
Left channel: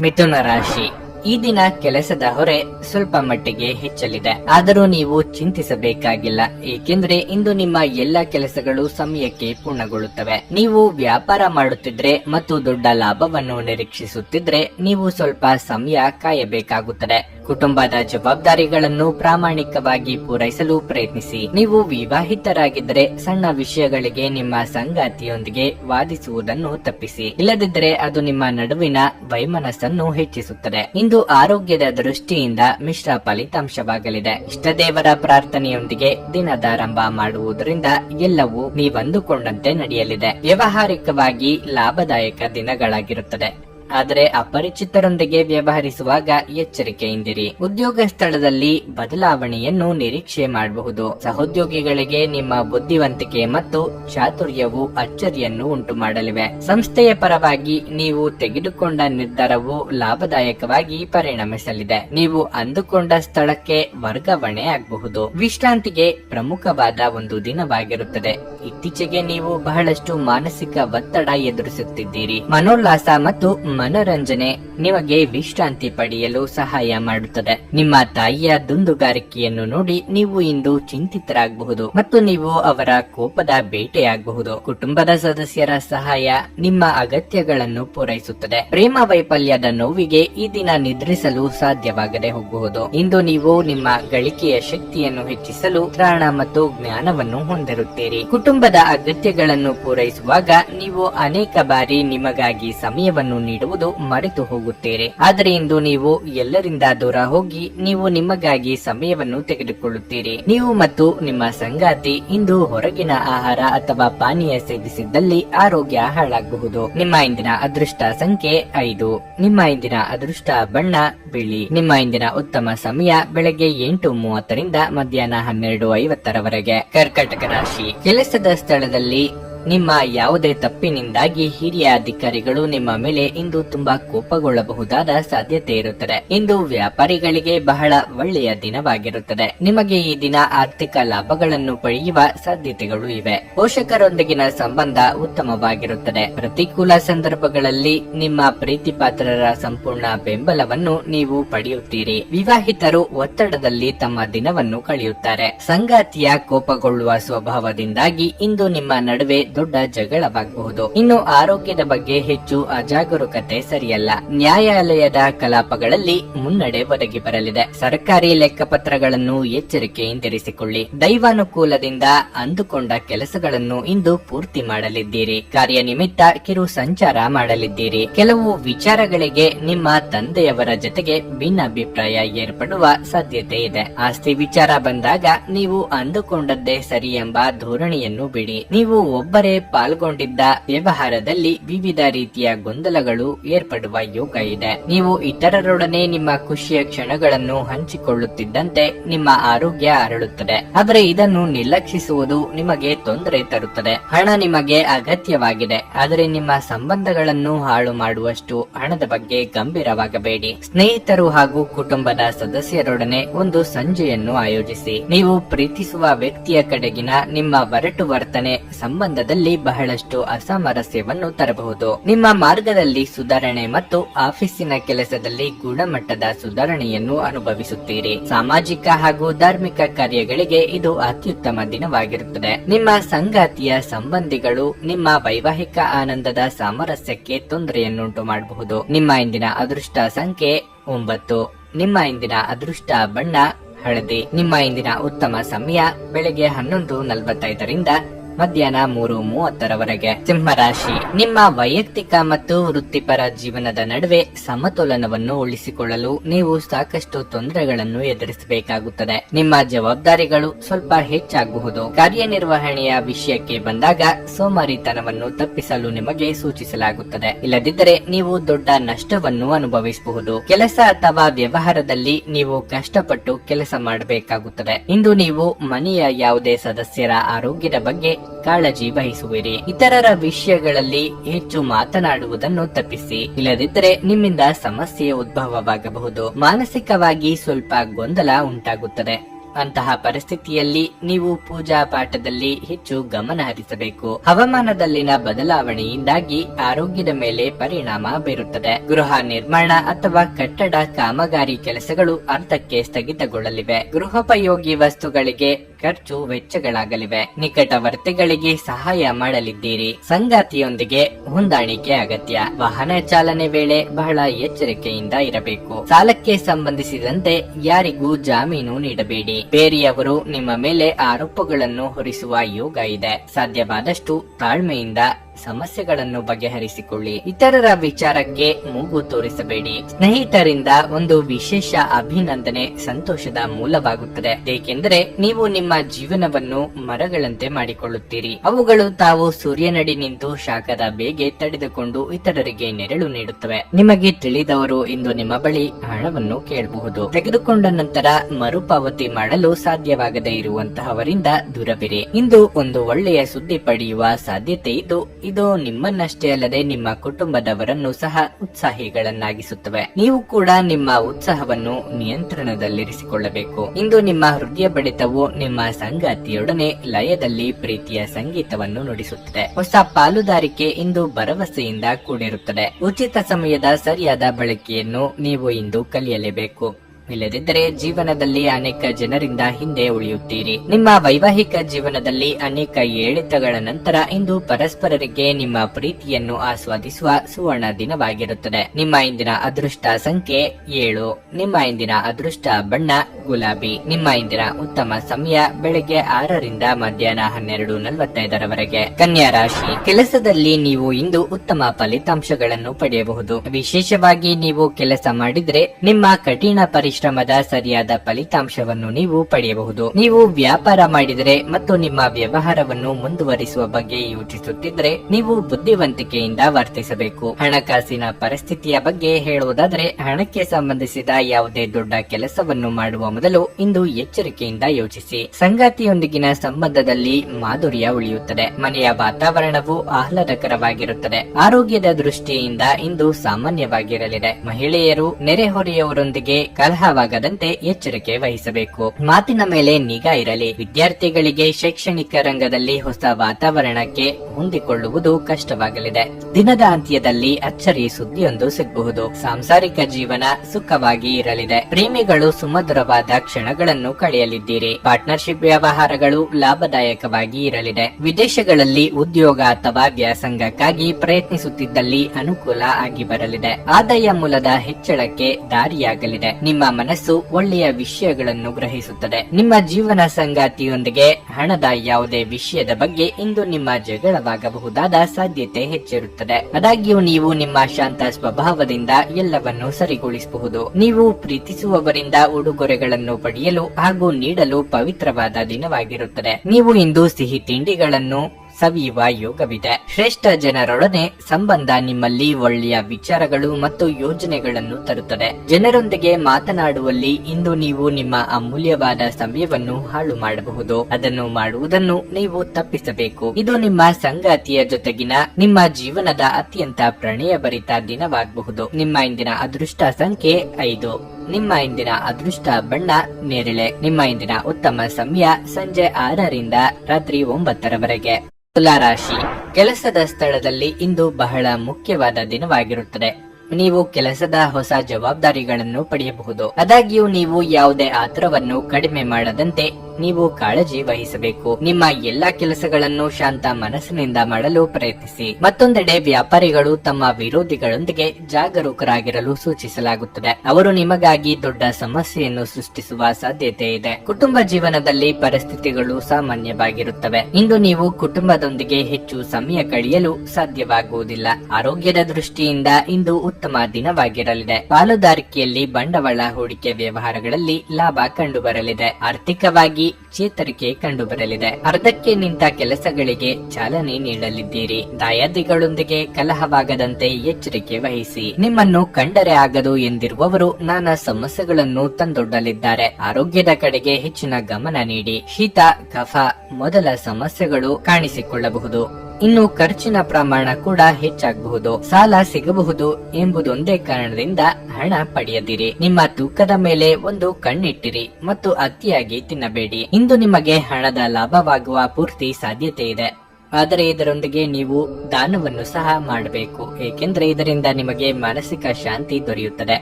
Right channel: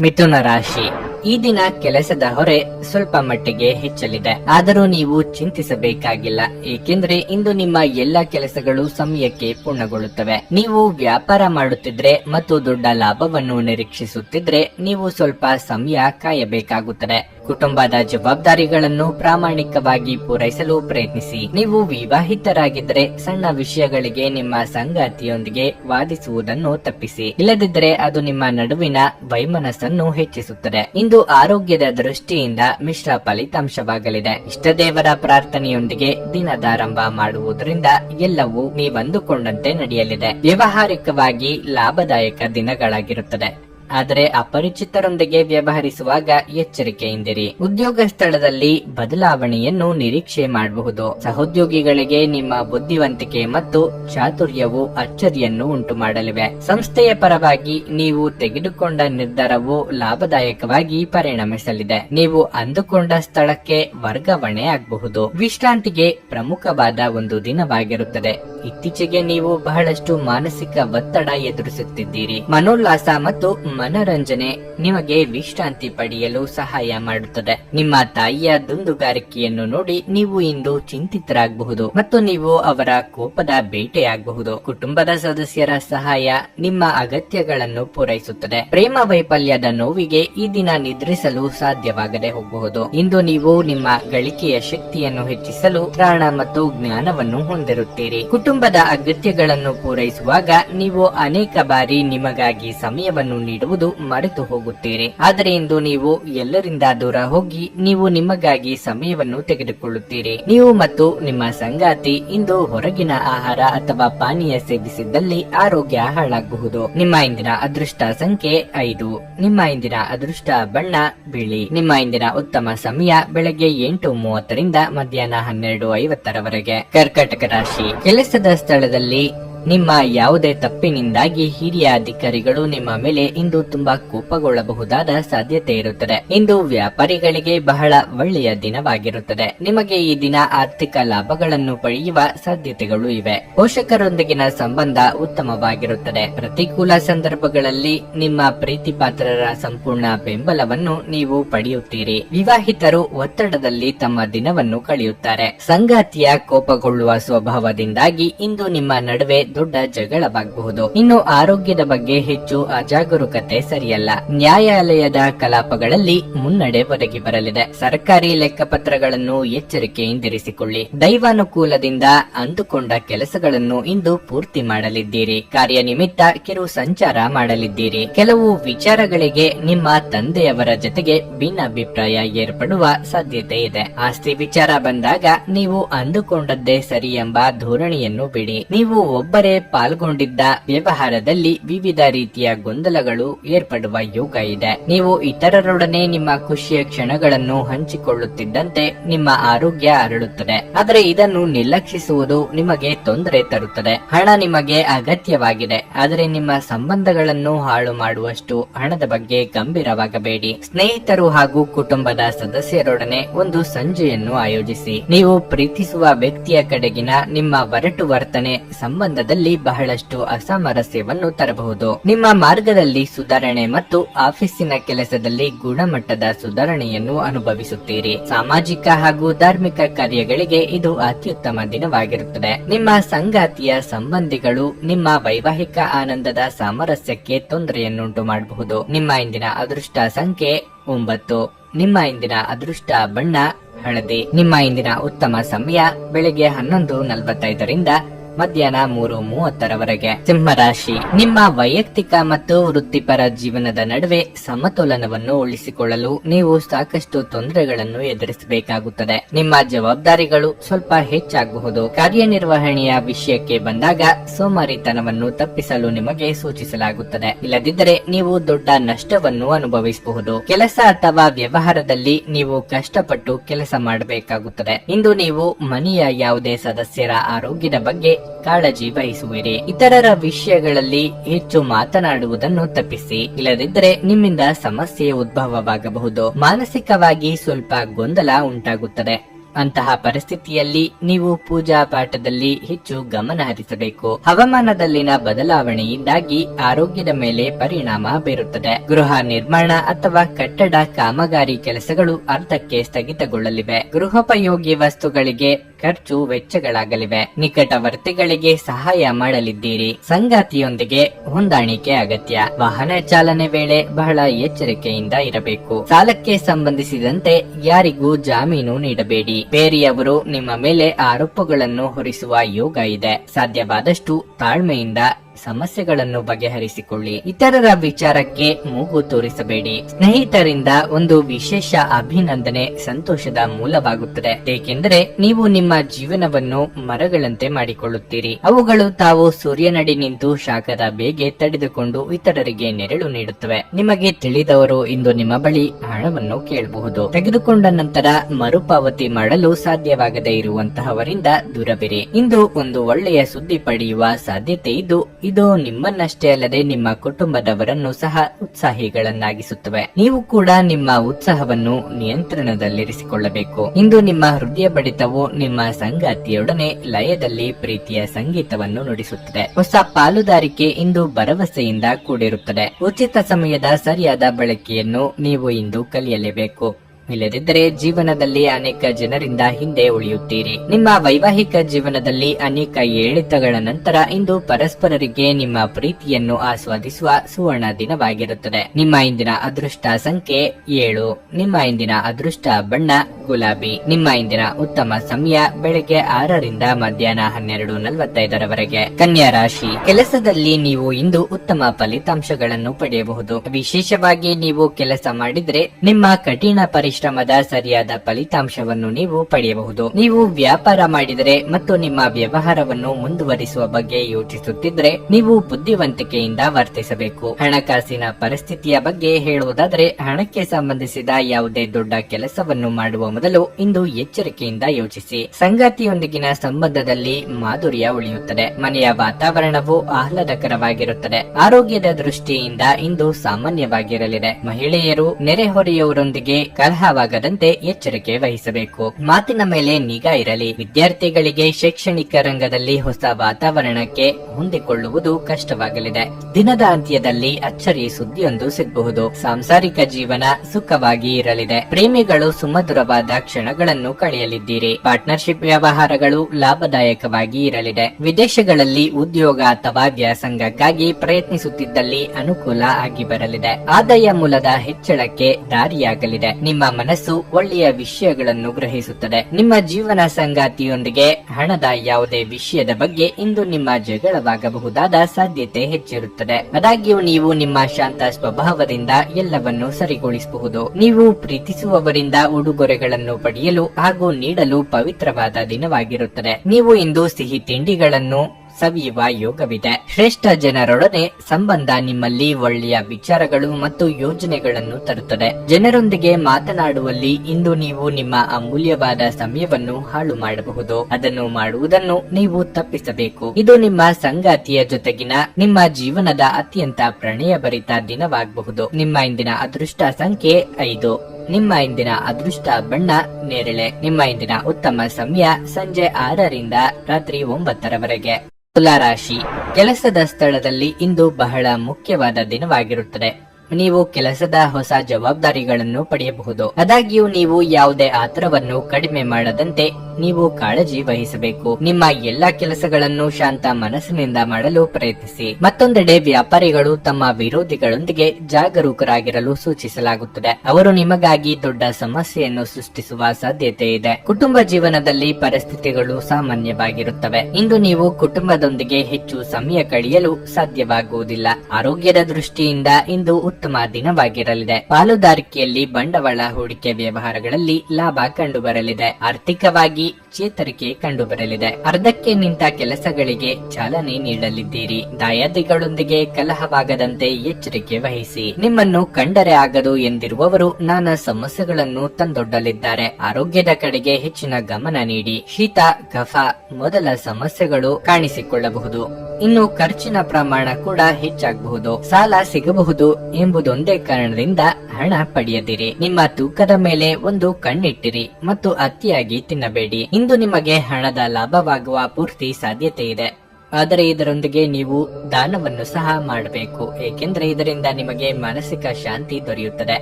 ಮಿಥುನ ರಾಶಿ, ಈ ದಿನ ಕೆಲಸದ ಹೊರೆ ಸ್ವಲ್ಪ ಮಟ್ಟಿಗೆ ಹೆಚ್ಚಲಿದೆ. ಆದರೂ ನೀವು ಚಿಂತಿಸಬೇಕಾಗಿಲ್ಲ, ಏಕೆಂದ್ರೆ ಇಂದು ನಿಮ್ಮ ಎಲ್ಲ ಕೆಲಸಗಳು ಸಮಯಕ್ಕೆ ಪೂರ್ಣಗೊಳ್ಳುತ್ತವೆ. ನೀವು ವ್ಯಾಪಾರ ಮಾಡುತ್ತಿದ್ರೆ ಮತ್ತು ದೊಡ್ಡ ಲಾಭವನ್ನು ನಿರೀಕ್ಷಿಸುತ್ತಿದ್ರೆ ನೀವು ಸ್ವಲ್ಪ ಸಮಯ ಕಾಯಬೇಕಾಗುತ್ತದೆ. ಕುಟುಂಬದ ಜವಾಬ್ದಾರಿಗಳನ್ನು ಪ್ರಾಮಾಣಿಕವಾಗಿ ಪೂರೈಸಲು ಪ್ರಯತ್ನಿಸಿ. ನೀವು ವಿವಾಹಿತರಾಗಿದ್ದರೆ ಸಣ್ಣ ವಿಷಯಗಳಿಗೆ ನಿಮ್ಮ ಸಂಗಾತಿಯೊಂದಿಗೆ ವಾದಿಸುವುದನ್ನು ತಪ್ಪಿಸಿ. ಇಲ್ಲದಿದ್ದರೆ ಅದು ನಿಮ್ಮ ನಡುವಿನ ವೈಮನಸ್ಸನ್ನು ಹೆಚ್ಚಿಸುತ್ತದೆ. ಇಂದು ಆರೋಗ್ಯದ ದೃಷ್ಟಿಯಿಂದ ಮಿಶ್ರ ಫಲಿತಾಂಶವಾಗಲಿದೆ. ಇಷ್ಟದೇವರ ಪ್ರಾರ್ಥನೆಯೊಂದಿಗೆ ದಿನದಾರಂಭ ಮಾಡುವುದರಿಂದ ಎಲ್ಲವೂ ನೀವಂದುಕೊಂಡಂತೆ ನಡೆಯಲಿದೆ. ವ್ಯಾವಹಾರಿಕವಾಗಿ ಲಾಭದಾಯಕ ದಿನಗಳಾಗಿರುತ್ತದೆ. ಆದರೆ ಅಪರಿಚಿತರೊಂದಿಗೆ ವ್ಯವಹರಿಸುವಾಗ ಎಚ್ಚರಿಕೆಯಿಂದಿರಿ. ಉದ್ಯೋಗ ಸ್ಥಳದಲ್ಲಿ ಬದಲಾವಣೆಯನ್ನು ನಿರೀಕ್ಷೆ ಮಾಡಬಹುದು. ಸಹೋದ್ಯೋಗಿಗಳಿಗೆ ನಿಮ್ಮ ಬುದ್ಧಿವಂತಿಕೆ ಮತ್ತು ಚಾತುರ್ಯವು ಅಚ್ಚರಿಯನ್ನು ಉಂಟು ಮಾಡಲಿವೆ. ಸಂಸ್ಥೆಯ ಪರವಾಗಿ ನೀವು ತೆಗೆದುಕೊಂಡ ನಿರ್ಧಾರವು ಲಾಭದಾಯಕವಾಗಿ ಪರಿಣಮಿಸಲಿದೆ. ನೀವು ಅಂದುಕೊಂಡ ಸ್ಥಳಕ್ಕೆ ವರ್ಗಾವಣೆ ಆಗಬಹುದು. ವಿಶ್ರಾಂತಿಗೆ ಪ್ರಮುಖವಾದ ಒಂದು ದಿನವಾಗಿರುತ್ತದೆ. ಇತ್ತೀಚೆಗೆ ನೀವು ಬಹಳಷ್ಟು ಮಾನಸಿಕ ಒತ್ತಡ ಎದುರಿಸುತ್ತಿದ್ದೀರಿ. ಮನೋಲ್ಲಾಸ ಮತ್ತು ಮನರಂಜನೆ ನಿಮಗೆ ವಿಶ್ರಾಂತಿ ಪಡೆಯಲು ಸಹಾಯ ಮಾಡುತ್ತದೆ. ನಿಮ್ಮ ತಾಯಿಯ ದುಂದುಗಾರಿಕೆಯನ್ನು ನೋಡಿ ನೀವು ಇಂದು ಚಿಂತಿತರಾಗಬಹುದು ಮತ್ತು ನೀವು ಅವರ ಕೋಪದ ಬೇಟೆಯಾಗಬಹುದು. ಕುಟುಂಬದ ಸದಸ್ಯರ ಸಹಾಯ ನಿಮ್ಮ ಅಗತ್ಯಗಳನ್ನು ಪೂರೈಸುತ್ತದೆ. ಪ್ರೇಮ ವೈಫಲ್ಯದ ನೋವಿಗೆ ಈ ದಿನ ನಿದ್ರಿಸಲು ಸಾಧ್ಯವಾಗದೆ ಹೋಗಬಹುದು. ಇಂದು ನೀವು ನಿಮ್ಮ ಗಳಿಕೆಯ ಶಕ್ತಿಯನ್ನು ಹೆಚ್ಚಿಸಲು ತ್ರಾಣ ಮತ್ತು ಜ್ಞಾನವನ್ನು ಹೊಂದಿರುತ್ತೀರಿ. ಕುಟುಂಬದ ಅಗತ್ಯಗಳನ್ನು ಪೂರೈಸುವಾಗ ನೀವು ಅನೇಕ ಬಾರಿ ನಿಮಗಾಗಿ ಸಮಯವನ್ನು ನೀಡುವುದು ಮರೆತು ಹೋಗುತ್ತೀರಿ. ಆದರೆ ಇಂದು ನೀವು ಎಲ್ಲರಿಂದ ದೂರ ಹೋಗಿ ನೀವು ನಿಮಗಾಗಿ ಸಮಯವನ್ನು ತೆಗೆದುಕೊಳ್ಳುತ್ತೀರಿ. ನೀವು ಮತ್ತು ನಿಮ್ಮ ಸಂಗಾತಿ ಇಂದು ಹೊರಗಿನ ಆಹಾರ ಅಥವಾ ಪಾನೀಯ ಸೇವಿಸಿದ್ದಲ್ಲಿ ಆರೋಗ್ಯ ಹಾಳಾಗಬಹುದು. ನಿಮ್ಮ ಇಂದಿನ ಅದೃಷ್ಟ ಸಂಖ್ಯೆ 5. ನಿಮ್ಮ ಇಂದಿನ ಅದೃಷ್ಟ ಬಣ್ಣ ಬಿಳಿ. ನಿಮ್ಮ ಇಂದಿನ ಉತ್ತಮ ಸಮಯ ಬೆಳಗ್ಗೆ 8:30 ರಿಂದ ಮಧ್ಯಾಹ್ನ 12:50 ಕರ್ಕಾಟಕ ರಾಶಿ. ಕೆಲಸದ ಸ್ಥಳದಲ್ಲಿ ನಿಮ್ಮ ಯಾವುದೇ ತಪ್ಪಿನಿಂದಾಗಿ ಹಿರಿಯ ಅಧಿಕಾರಿಗಳು ನಿಮ್ಮ ಮೇಲೆ ಇಂದು ತುಂಬಾ ಕೋಪಗೊಳ್ಳಬಹುದಾದ ಸಾಧ್ಯತೆ ಇರುತ್ತದೆ. ಇಂದು ವ್ಯಾಪಾರಿಗಳಿಗೆ ಬಹಳ ಒಳ್ಳೆಯ ದಿನವಾಗಿರುತ್ತದೆ. ನಿಮಗೆ ಈ ದಿನ ಆರ್ಥಿಕ ಲಾಭಗಳನ್ನು ಪಡೆಯುವ ಸಾಧ್ಯತೆಗಳು ಇವೆ. ಪೋಷಕರೊಂದಿಗಿನ ಸಂಬಂಧ ಉತ್ತಮವಾಗಿರುತ್ತದೆ. ಪ್ರತಿಕೂಲ ಸಂದರ್ಭಗಳಲ್ಲಿ ನಿಮ್ಮ ಪ್ರೀತಿ ಪಾತ್ರರ ಸಂಪೂರ್ಣ ಬೆಂಬಲವನ್ನು ನೀವು ಪಡೆಯುತ್ತೀರಿ. ವಿವಾಹಿತರು ಒತ್ತಡದಲ್ಲಿ ತಮ್ಮ ದಿನವನ್ನು ಕಳೆಯುತ್ತಾರೆ. ಸಂಗಾತಿಯ ಕೋಪಗೊಳ್ಳುವ ಸ್ವಭಾವದಿಂದಾಗಿ ಇಂದು ನಿಮ್ಮ ನಡುವೆ ದೊಡ್ಡ ಜಗಳವಾಗಬಹುದು. ಇನ್ನು ಆರೋಗ್ಯದ ಬಗ್ಗೆ ಹೆಚ್ಚು ಅಜಾಗರೂಕತೆ ಸರಿಯಲ್ಲ. ನ್ಯಾಯಾಲಯದ ಕಲಾಪಗಳಲ್ಲಿ ಮುನ್ನಡೆ ಒದಗಿ ಬರಲಿದೆ. ಸರ್ಕಾರಿ ಲೆಕ್ಕಪತ್ರಗಳನ್ನು ಎಚ್ಚರಿಕೆಯಿಂದಿರಿಸಿಕೊಳ್ಳಿ. ದೈವಾನುಕೂಲದಿಂದ ಅಂದುಕೊಂಡ ಕೆಲಸಗಳನ್ನು ಇಂದು ಪೂರ್ತಿ ಮಾಡಲಿದ್ದೀರಿ. ಕಾರ್ಯನಿಮಿತ್ತ ಕಿರು ಸಂಚಾರ ಮಾಡಲಿದ್ದೀರಿ. ಕೆಲವು ವಿಚಾರಗಳಿಗೆ ನಿಮ್ಮ ತಂದೆಯವರ ಜೊತೆಗೆ ಭಿನ್ನಾಭಿಪ್ರಾಯ ಏರ್ಪಡುವ ಸಾಧ್ಯತೆ ಇದೆ. ಆಸ್ತಿ ವಿಚಾರ ಬಂದಾಗ ನೀವು ಅಂದುಕೊಂಡದ್ದೇ ಸರಿ ಎಂಬ ಧೋರಣೆಯನ್ನು ಬಿಡಿ. ನೀವು ಒಬ್ಬರೇ ಪಾಲ್ಗೊಂಡಿದ್ದ ವ್ಯವಹಾರದಲ್ಲಿ ವಿವಿಧ ರೀತಿಯ ಗೊಂದಲಗಳು ಏರ್ಪಡುವ ಯೋಗ ಇದೆ. ನೀವು ಇತರರೊಡನೆ ನಿಮ್ಮ ಖುಷಿಯ ಕ್ಷಣಗಳನ್ನು ಹಂಚಿಕೊಳ್ಳುತ್ತಿದ್ದಂತೆ ನಿಮ್ಮ ಆರೋಗ್ಯ ಅರಳುತ್ತದೆ. ಆದರೆ ಇದನ್ನು ನಿರ್ಲಕ್ಷಿಸುವುದು ನಿಮಗೆ ತೊಂದರೆ ತರುತ್ತದೆ. ಹಣ ನಿಮಗೆ ಅಗತ್ಯವಾಗಿದೆ, ಆದರೆ ನಿಮ್ಮ ಸಂಬಂಧಗಳನ್ನು ಹಾಳು ಮಾಡುವಷ್ಟು ಹಣದ ಬಗ್ಗೆ ಗಂಭೀರವಾಗಬೇಡಿ. ಸ್ನೇಹಿತರು ಹಾಗೂ ಕುಟುಂಬದ ಸದಸ್ಯರೊಡನೆ ಒಂದು ಸಂಜೆಯನ್ನು ಆಯೋಜಿಸಿ. ನೀವು ಪ್ರೀತಿಸುವ ವ್ಯಕ್ತಿಯ ಕಡೆಗಿನ ನಿಮ್ಮ ಒರಟು ವರ್ತನೆ ಸಂಬಂಧದಲ್ಲಿ ಬಹಳಷ್ಟು ಅಸಾಮರಸ್ಯವನ್ನು ತರಬಹುದು. ನಿಮ್ಮ ಮಾರ್ಗದಲ್ಲಿ ಸುಧಾರಣೆ ಮತ್ತು ಆಫೀಸಿನ ಕೆಲಸದಲ್ಲಿ ಗುಣಮಟ್ಟದ ಸುಧಾರಣೆಯನ್ನು ಅನುಭವಿಸುತ್ತೀರಿ. ಸಾಮಾಜಿಕ ಹಾಗೂ ಧಾರ್ಮಿಕ ಕಾರ್ಯಗಳಿಗೆ ಇದು ಅತ್ಯುತ್ತಮ ದಿನವಾಗಿರುತ್ತದೆ. ನಿಮ್ಮ ಸಂಗಾತಿಯ ಸಂಬಂಧಿಗಳು ನಿಮ್ಮ ವೈವಾಹಿಕ ಆನಂದದ ಸಾಮರಸ್ಯಕ್ಕೆ ತೊಂದರೆಯನ್ನುಂಟು ಮಾಡಬಹುದು. ನಿಮ್ಮ ಇಂದಿನ ಅದೃಷ್ಟ ಸಂಖ್ಯೆ 9. ನಿಮ್ಮ ಇಂದಿನ ಅದೃಷ್ಟ ಬಣ್ಣ ಹಳದಿ. ನಿಮ್ಮ ಇಂದಿನ ಉತ್ತಮ ಸಮಯ ಬೆಳಗ್ಗೆ 11:45 ರಿಂದ ಮಧ್ಯಾಹ್ನ 3:30 ಸಿಂಹರಾಶಿ. ನಿಮ್ಮ ವೈಯಕ್ತಿಕ ಮತ್ತು ವೃತ್ತಿಪರ ಜೀವನದ ನಡುವೆ ಸಮತೋಲನವನ್ನು ಉಳಿಸಿಕೊಳ್ಳಲು ನೀವು ಸಾಕಷ್ಟು ತೊಂದರೆಗಳನ್ನು ಎದುರಿಸಬೇಕಾಗುತ್ತದೆ. ನಿಮ್ಮ ಜವಾಬ್ದಾರಿಗಳು ಸ್ವಲ್ಪ ಹೆಚ್ಚಾಗಬಹುದು. ಕಾರ್ಯನಿರ್ವಹಣೆಯ ವಿಷಯಕ್ಕೆ ಬಂದಾಗ ಸೋಮಾರಿತನವನ್ನು ತಪ್ಪಿಸಲು ನಿಮಗೆ ಸೂಚಿಸಲಾಗುತ್ತದೆ. ಇಲ್ಲದಿದ್ದರೆ ನೀವು ದೊಡ್ಡ ನಷ್ಟವನ್ನು ಅನುಭವಿಸಬಹುದು. ಕೆಲಸ ಅಥವಾ ವ್ಯವಹಾರದಲ್ಲಿ ನೀವು ಕಷ್ಟಪಟ್ಟು ಕೆಲಸ ಮಾಡಬೇಕಾಗುತ್ತದೆ. ಇಂದು ನೀವು ಮನೆಯ ಯಾವುದೇ ಸದಸ್ಯರ ಆರೋಗ್ಯದ ಬಗ್ಗೆ ಕಾಳಜಿ ವಹಿಸುವಿರಿ. ಇತರರ ವಿಷಯಗಳಲ್ಲಿ ಹೆಚ್ಚು ಮಾತನಾಡುವುದನ್ನು ತಪ್ಪಿಸಿ. ಇಲ್ಲದಿದ್ದರೆ ನಿಮ್ಮಿಂದ ಸಮಸ್ಯೆ ಉದ್ಭವವಾಗಬಹುದು. ಮಾನಸಿಕವಾಗಿ ಸ್ವಲ್ಪ ಗೊಂದಲ ಉಂಟಾಗುತ್ತದೆ. ಅಂತಹ ಪರಿಸ್ಥಿತಿಯಲ್ಲಿ ನೀವು ಪೂಜಾ ಪಾಠದಲ್ಲಿ ಹೆಚ್ಚು ಗಮನ ಹರಿಸಬೇಕು. ಹವಾಮಾನದಲ್ಲಿನ ಬದಲಾವಣೆಯಿಂದಾಗಿ ಆರೋಗ್ಯದ ಮೇಲೆ ಪರಿಣಾಮ ಬೀರುತ್ತದೆ. ಗೃಹ ನಿರ್ಮಾಣ ಅಥವಾ ಕಟ್ಟಡ ಕಾಮಗಾರಿ ಕೆಲಸಗಳು ಅರ್ಧಕ್ಕೆ ಸ್ಥಗಿತಗೊಳ್ಳಲಿವೆ. ಗೃಹೋಪಯೋಗಿ ವಸ್ತುಗಳಿಗೆ ಖರ್ಚು ವೆಚ್ಚಗಳಾಗಲಿವೆ. ನಿಕಟವರ್ತಿಗಳಿಗೆ ಸಹಾಯ ಮಾಡಲಿದ್ದೀರಿ. ಸಂಗಾತಿಯೊಂದಿಗೆ ಹೊಂದಾಣಿಕೆ ಅಗತ್ಯ. ವಾಹನ ಚಾಲನೆ ವೇಳೆ ಬಹಳ ಎಚ್ಚರಿಕೆಯಿಂದ ಇರಬೇಕು. ಸಾಲಕ್ಕೆ ಸಂಬಂಧಿಸಿದಂತೆ ಯಾರಿಗೂ ಜಾಮೀನು ನೀಡಬೇಡಿ. ಬೇರೆಯವರು ನಿಮ್ಮ ಮೇಲೆ ಆರೋಪಗಳನ್ನು ಹೊರಿಸುವ ಯೋಗ ಇದೆ. ಸಾಧ್ಯವಾದಷ್ಟು ತಾಳ್ಮೆಯಿಂದ ಸಮಸ್ಯೆಗಳನ್ನು ಬಗೆಹರಿಸಿಕೊಳ್ಳಿ. ಇತರರ ವಿಚಾರಕ್ಕೆ ಮೂಗು ತೋರಿಸಬೇಡಿ. ಸ್ನೇಹಿತರಿಂದ ಒಂದು ವಿಶೇಷ ಅಭಿನಂದನೆ ಸಂತೋಷದ ಮೂಲವಾಗುತ್ತದೆ, ಏಕೆಂದರೆ ನೀವು ನಿಮ್ಮ ಜೀವನವನ್ನು ಮರಗಳಂತೆ ಮಾಡಿಕೊಳ್ಳುತ್ತೀರಿ. ಅವುಗಳು ತಾವು ಸೂರ್ಯನಡಿ ನಿಂತು ಶಾಖದ ಬೇಗೆ ತಡೆದುಕೊಂಡು ಇತರರಿಗೆ ನೆರಳು ನೀಡುತ್ತವೆ. ನಿಮಗೆ ತಿಳಿದವರು ಇಂದು ನಿಮ್ಮ ಬಳಿ ಹಣವನ್ನು ಕೇಳಬಹುದು. ತೆಗೆದುಕೊಂಡ ನಂತರ ಮರುಪಾವತಿ ಮಾಡಲು ಸಾಧ್ಯವಾಗದೇ ಇರುವಂತಹವರಿಂದ ದೂರವಿರಿ. ಇಂದು ಒಂದು ಒಳ್ಳೆಯ ಸುದ್ದಿ ಪಡೆಯುವ ಸಾಧ್ಯತೆ ಇದ್ದು, ಇದು ನಿಮ್ಮನ್ನಷ್ಟೇ ಅಲ್ಲದೆ ನಿಮ್ಮ ಕುಟುಂಬದವರನ್ನು ಸಹ ಉತ್ಸಾಹಿಗಳನ್ನಾಗಿಸುತ್ತವೆ. ನೀವು ಕೂಡ ನಿಮ್ಮ ಉತ್ಸಾಹವನ್ನು ನಿಯಂತ್ರಣದಲ್ಲಿರಿಸಿಕೊಳ್ಳಬೇಕು. ಇಂದು ನಿಮ್ಮ ಹೃದಯ ಬಡಿತವು ನಿಮ್ಮ ಸಂಗಾತಿಯೊಡನೆ ಲಯದಲ್ಲಿ ಪ್ರೀತಿಯ ಸಂಗೀತವನ್ನು ನುಡಿಸುತ್ತದೆ. ಹೊಸ ಪಾಲುದಾರಿಕೆ ಇಂದು ಭರವಸೆಯಿಂದ ಕೂಡಿರುತ್ತದೆ. ಉಚಿತ ಸಮಯದ ಸರಿಯಾದ ಬಳಕೆಯನ್ನು ನೀವು ಇಂದು ಕಲಿಯಲೇಬೇಕು. ಇಲ್ಲದಿದ್ದರೆ ಜೀವನದಲ್ಲಿ ಅನೇಕ ಜನರಿಂದ ಹಿಂದೆ ಉಳಿಯುತ್ತೀರಿ. ನಿಮ್ಮ ವೈವಾಹಿಕ ಜೀವನದಲ್ಲಿ ಅನೇಕ ಏಳಿತಗಳ ನಂತರ ಇಂದು ಪರಸ್ಪರರಿಗೆ ನಿಮ್ಮ ಪ್ರೀತಿಯನ್ನು ಆಸ್ವಾದಿಸುವ ಸುವರ್ಣ ದಿನವಾಗಿರುತ್ತದೆ. ನಿಮ್ಮ ಇಂದಿನ ಅದೃಷ್ಟ ಸಂಖ್ಯೆ 7. ನಿಮ್ಮ ಇಂದಿನ ಅದೃಷ್ಟ ಬಣ್ಣ ಗುಲಾಬಿ. ನಿಮ್ಮ ಇಂದಿನ ಉತ್ತಮ ಸಮಯ ಬೆಳಗ್ಗೆ 6ರಿಂದ ಮಧ್ಯಾಹ್ನ 12:45 ಕನ್ಯಾ ರಾಶಿ. ಕೆಲಸದಲ್ಲಿ ನೀವು ಇಂದು ಉತ್ತಮ ಫಲಿತಾಂಶಗಳನ್ನು ಪಡೆಯಬಹುದು. ವಿಶೇಷವಾಗಿ ನೀವು ಕೆಲಸ ಮಾಡಿದರೆ ನಿಮ್ಮ ಕಠಿಣ ಪರಿಶ್ರಮದ ಸರಿಯಾದ ಫಲಿತಾಂಶವನ್ನು ನೀವು ಪಡೆಯಬಹುದು. ನೀವು ವ್ಯಾಪಾರ ಮಾಡಿದರೆ ಮತ್ತು ನಿಮ್ಮ ವ್ಯವಹಾರವನ್ನು ಮುಂದುವರಿಸುವ ಬಗ್ಗೆ ಯೋಚಿಸುತ್ತಿದ್ದರೆ ನೀವು ಬುದ್ಧಿವಂತಿಕೆಯಿಂದ ವರ್ತಿಸಬೇಕು. ಹಣಕಾಸಿನ ಪರಿಸ್ಥಿತಿಯ ಬಗ್ಗೆ ಹೇಳುವುದಾದರೆ, ಹಣಕ್ಕೆ ಸಂಬಂಧಿಸಿದ ಯಾವುದೇ ದೊಡ್ಡ ಕೆಲಸವನ್ನು ಮಾಡುವ ಮೊದಲು ಇಂದು ಎಚ್ಚರಿಕೆಯಿಂದ ಯೋಚಿಸಿ. ಸಂಗಾತಿಯೊಂದಿಗಿನ ಸಂಬಂಧದಲ್ಲಿ ಮಾಧುರ್ಯ ಉಳಿಯುತ್ತದೆ. ಮನೆಯ ವಾತಾವರಣವು ಆಹ್ಲಾದಕರವಾಗಿರುತ್ತದೆ. ಆರೋಗ್ಯದ ದೃಷ್ಟಿಯಿಂದ ಇಂದು ಸಾಮಾನ್ಯವಾಗಿರಲಿದೆ. ಮಹಿಳೆಯರು ನೆರೆಹೊರೆಯವರೊಂದಿಗೆ ಕಲಹವಾಗದಂತೆ ಎಚ್ಚರಿಕೆ ವಹಿಸಬೇಕು. ಮಾತಿನ ಮೇಲೆ ನಿಗಾ ಇರಲಿ. ವಿದ್ಯಾರ್ಥಿಗಳಿಗೆ ಶೈಕ್ಷಣಿಕ ರಂಗದಲ್ಲಿ ಹೊಸ ವಾತಾವರಣಕ್ಕೆ ಹೊಂದಿಕೊಳ್ಳುವುದು ಕಷ್ಟವಾಗಲಿದೆ. ದಿನದ ಅಂತ್ಯದಲ್ಲಿ ಅಚ್ಚರಿ ಸುದ್ದಿಯೊಂದು ಸಿಗಬಹುದು. ಸಾಂಸಾರಿಕ ಜೀವನ ಸುಖವಾಗಿ ಇರಲಿದೆ. ಪ್ರೇಮಿಗಳು ಸುಮಧುರವಾದ ಕ್ಷಣಗಳನ್ನು ಕಳೆಯಲಿದ್ದೀರಿ. ಪಾರ್ಟ್ನರ್ಶಿಪ್ ವ್ಯವಹಾರಗಳು ಲಾಭದಾಯಕವಾಗಿ ಇರಲಿದೆ. ವಿದೇಶಗಳಲ್ಲಿ ಉದ್ಯೋಗ ಅಥವಾ ವ್ಯಾಸಂಗಕ್ಕಾಗಿ ಪ್ರಯತ್ನಿಸುತ್ತಿದ್ದಲ್ಲಿ ಅನುಕೂಲ ಆಗಿ ಬರಲಿದೆ. ಆದಾಯ ಮೂಲದ ಹೆಚ್ಚಳಕ್ಕೆ ದಾರಿಯಾಗಲಿದೆ. ನಿಮ್ಮ ಮನಸ್ಸು ಒಳ್ಳೆಯ ವಿಷಯಗಳನ್ನು ಗ್ರಹಿಸುತ್ತದೆ. ನಿಮ್ಮ ಜೀವನ ಸಂಗಾತಿಯೊಂದಿಗೆ ಹಣದ ಯಾವುದೇ ವಿಷಯದ ಬಗ್ಗೆ ಇಂದು ನಿಮ್ಮ ಜಗಳವಾಗಬಹುದಾದ ಸಾಧ್ಯತೆ ಹೆಚ್ಚಿರುತ್ತದೆ. ಆದಾಗ್ಯೂ ನೀವು ನಿಮ್ಮ ಶಾಂತ ಸ್ವಭಾವದಿಂದ ಎಲ್ಲವನ್ನೂ ಸರಿಗೊಳಿಸಬಹುದು. ನೀವು ಪ್ರೀತಿಸುವವರಿಂದ ಉಡುಗೊರೆಗಳನ್ನು ಪಡೆಯಲು ಹಾಗೂ ನೀಡಲು ಪವಿತ್ರವಾದ ದಿನವಾಗಿರುತ್ತದೆ. ನೀವು ಇಂದು ಸಿಹಿ ತಿಂಡಿಗಳನ್ನು ಸವಿಯುವ ಯೋಗವಿದೆ. ಶ್ರೇಷ್ಠ ಜನರೊಡನೆ ಸಂಬಂಧ ನಿಮ್ಮಲ್ಲಿ ಒಳ್ಳೆಯ ವಿಚಾರಗಳು ಮತ್ತು ಯೋಜನೆಗಳನ್ನು ತರುತ್ತದೆ. ಜನರೊಂದಿಗೆ ಮಾತನಾಡುವಲ್ಲಿ ಇಂದು ನೀವು ನಿಮ್ಮ ಅಮೂಲ್ಯವಾದ ಸಮಯವನ್ನು ಹಾಳು ಮಾಡಬಹುದು. ಅದನ್ನು ಮಾಡುವುದನ್ನು ನೀವು ತಪ್ಪಿಸಬೇಕು. ಇದು ನಿಮ್ಮ ಸಂಗಾತಿಯ ಜೊತೆಗಿನ ನಿಮ್ಮ ಜೀವನದ ಅತ್ಯಂತ ಪ್ರಣಯಭರಿತ ದಿನವಾಗಬಹುದು. ನಿಮ್ಮ ಇಂದಿನ ಅದೃಷ್ಟ ಸಂಖ್ಯೆ 5. ನಿಮ್ಮ ಇಂದಿನ ಅದೃಷ್ಟ ಬಣ್ಣ ನೇರಳೆ. ನಿಮ್ಮ ಇಂದಿನ ಉತ್ತಮ ಸಮಯ ಸಂಜೆ 6ರಿಂದ ರಾತ್ರಿ 9 ತುಲಾ ರಾಶಿ. ಕೆಲಸದ ಸ್ಥಳದಲ್ಲಿ ಇಂದು ಬಹಳ ಮುಖ್ಯವಾದ ದಿನವಾಗಿರುತ್ತದೆ. ನೀವು ಕೆಲಸದ ಹೊಸ ಜವಾಬ್ದಾರಿಗಳನ್ನು ಪಡೆಯಬಹುದು. ಆದಾಗ್ಯೂ ನೀವು ಯಾವುದೇ ಆತರವನ್ನು ಕಡಿಮೆ ಮಾಡದಂತೆ ನೀವು ಕಾಳಜಿ ವಹಿಸಬೇಕು. ನಿಮ್ಮ ಎಲ್ಲಾ ಕೆಲಸಗಳನ್ನು ಶಾಂತ ಮನಸ್ಸಿನಿಂದ ಮಾಡಲು ಪ್ರಯತ್ನಿಸಿ. ಮತ್ತೊಂದೆಡೆ ವ್ಯಾಪಾರಿಗಳು ತಮ್ಮ ವಿರೋಧಿಗಳೊಂದಿಗೆ ಜಾಗರೂಕರಾಗಿರಲು ಸೂಚಿಸಲಾಗುತ್ತದೆ. ಅವರು ನಿಮಗಾಗಿ ದೊಡ್ಡ ಸಮಸ್ಯೆಯನ್ನು ಸೃಷ್ಟಿಸುವ ಸಾಧ್ಯತೆ ಇದೆ. ಕುಟುಂಬ ಜೀವನದಲ್ಲಿ ಪರಿಸ್ಥಿತಿಗಳು ಸಾಮಾನ್ಯವಾಗಿರುತ್ತವೆ. ಇಂದು ನೀವು ಕುಟುಂಬದೊಂದಿಗೆ ಹೆಚ್ಚು ಸಮಯ ಕಳೆಯಲು ಸಾಧ್ಯವಾಗುವುದಿಲ್ಲ. ಆರೋಗ್ಯದ ದೃಷ್ಟಿಯಿಂದ ಇಂದು ಉತ್ತಮ ದಿನವಾಗಿರಲಿದೆ. ಪಾಲುದಾರಿಕೆಯಲ್ಲಿ ಬಂಡವಾಳ ಹೂಡಿಕೆ ವ್ಯವಹಾರಗಳಲ್ಲಿ ಲಾಭ ಕಂಡುಬರಲಿದೆ. ಆರ್ಥಿಕವಾಗಿ ಚೇತರಿಕೆ ಕಂಡುಬರಲಿದೆ. ಅರ್ಧಕ್ಕೆ ನಿಂತ ಕೆಲಸಗಳಿಗೆ ಚಾಲನೆ ನೀಡಲಿದ್ದೀರಿ. ದಾಯಾದಿಗಳೊಂದಿಗೆ ಕಲಹವಾಗದಂತೆ ಎಚ್ಚರಿಕೆ ವಹಿಸಿ. ನಿಮ್ಮನ್ನು ಕಂಡರೆ ಆಗದು ಎಂದಿರುವವರು ನಾನಾ ಸಮಸ್ಯೆಗಳನ್ನು ತಂದೊಡ್ಡಲಿದ್ದಾರೆ. ಆರೋಗ್ಯದ ಕಡೆಗೆ ಹೆಚ್ಚಿನ ಗಮನ ನೀಡಿ. ಶೀತ, ಕಫ ಮೊದಲ ಸಮಸ್ಯೆಗಳು ಕಾಣಿಸಿಕೊಳ್ಳಬಹುದು. ಇನ್ನು ಖರ್ಚಿನ ಪ್ರಮಾಣ ಕೂಡ ಹೆಚ್ಚಾಗಬಹುದು. ಸಾಲ ಸಿಗಬಹುದು ಎಂಬುದೊಂದೇ ಕಾರಣದಿಂದ ಹಣ ಪಡೆಯದಿರಿ. ನಿಮ್ಮ ತೂಕದ ಮೇಲೆ ಒಂದು ಕಣ್ಣಿಟ್ಟಿರಿ ಮತ್ತು ಅತಿಯಾಗಿ ತಿನ್ನಬೇಡಿ. ಇಂದು ನಿಮಗೆ ಹಣದ ಲಾಭವಾಗುವ ಪೂರ್ತಿ ಸಾಧ್ಯತೆ ಇದೆ. ಆದರೆ ಇದರೊಂದಿಗೆ ನೀವು ದಾನವನ್ನು ಸಹ ಮಾಡಬೇಕು, ಏಕೆಂದರೆ ಇದರಿಂದ ನಿಮಗೆ ಮಾನಸಿಕ ಶಾಂತಿ ದೊರೆಯುತ್ತದೆ.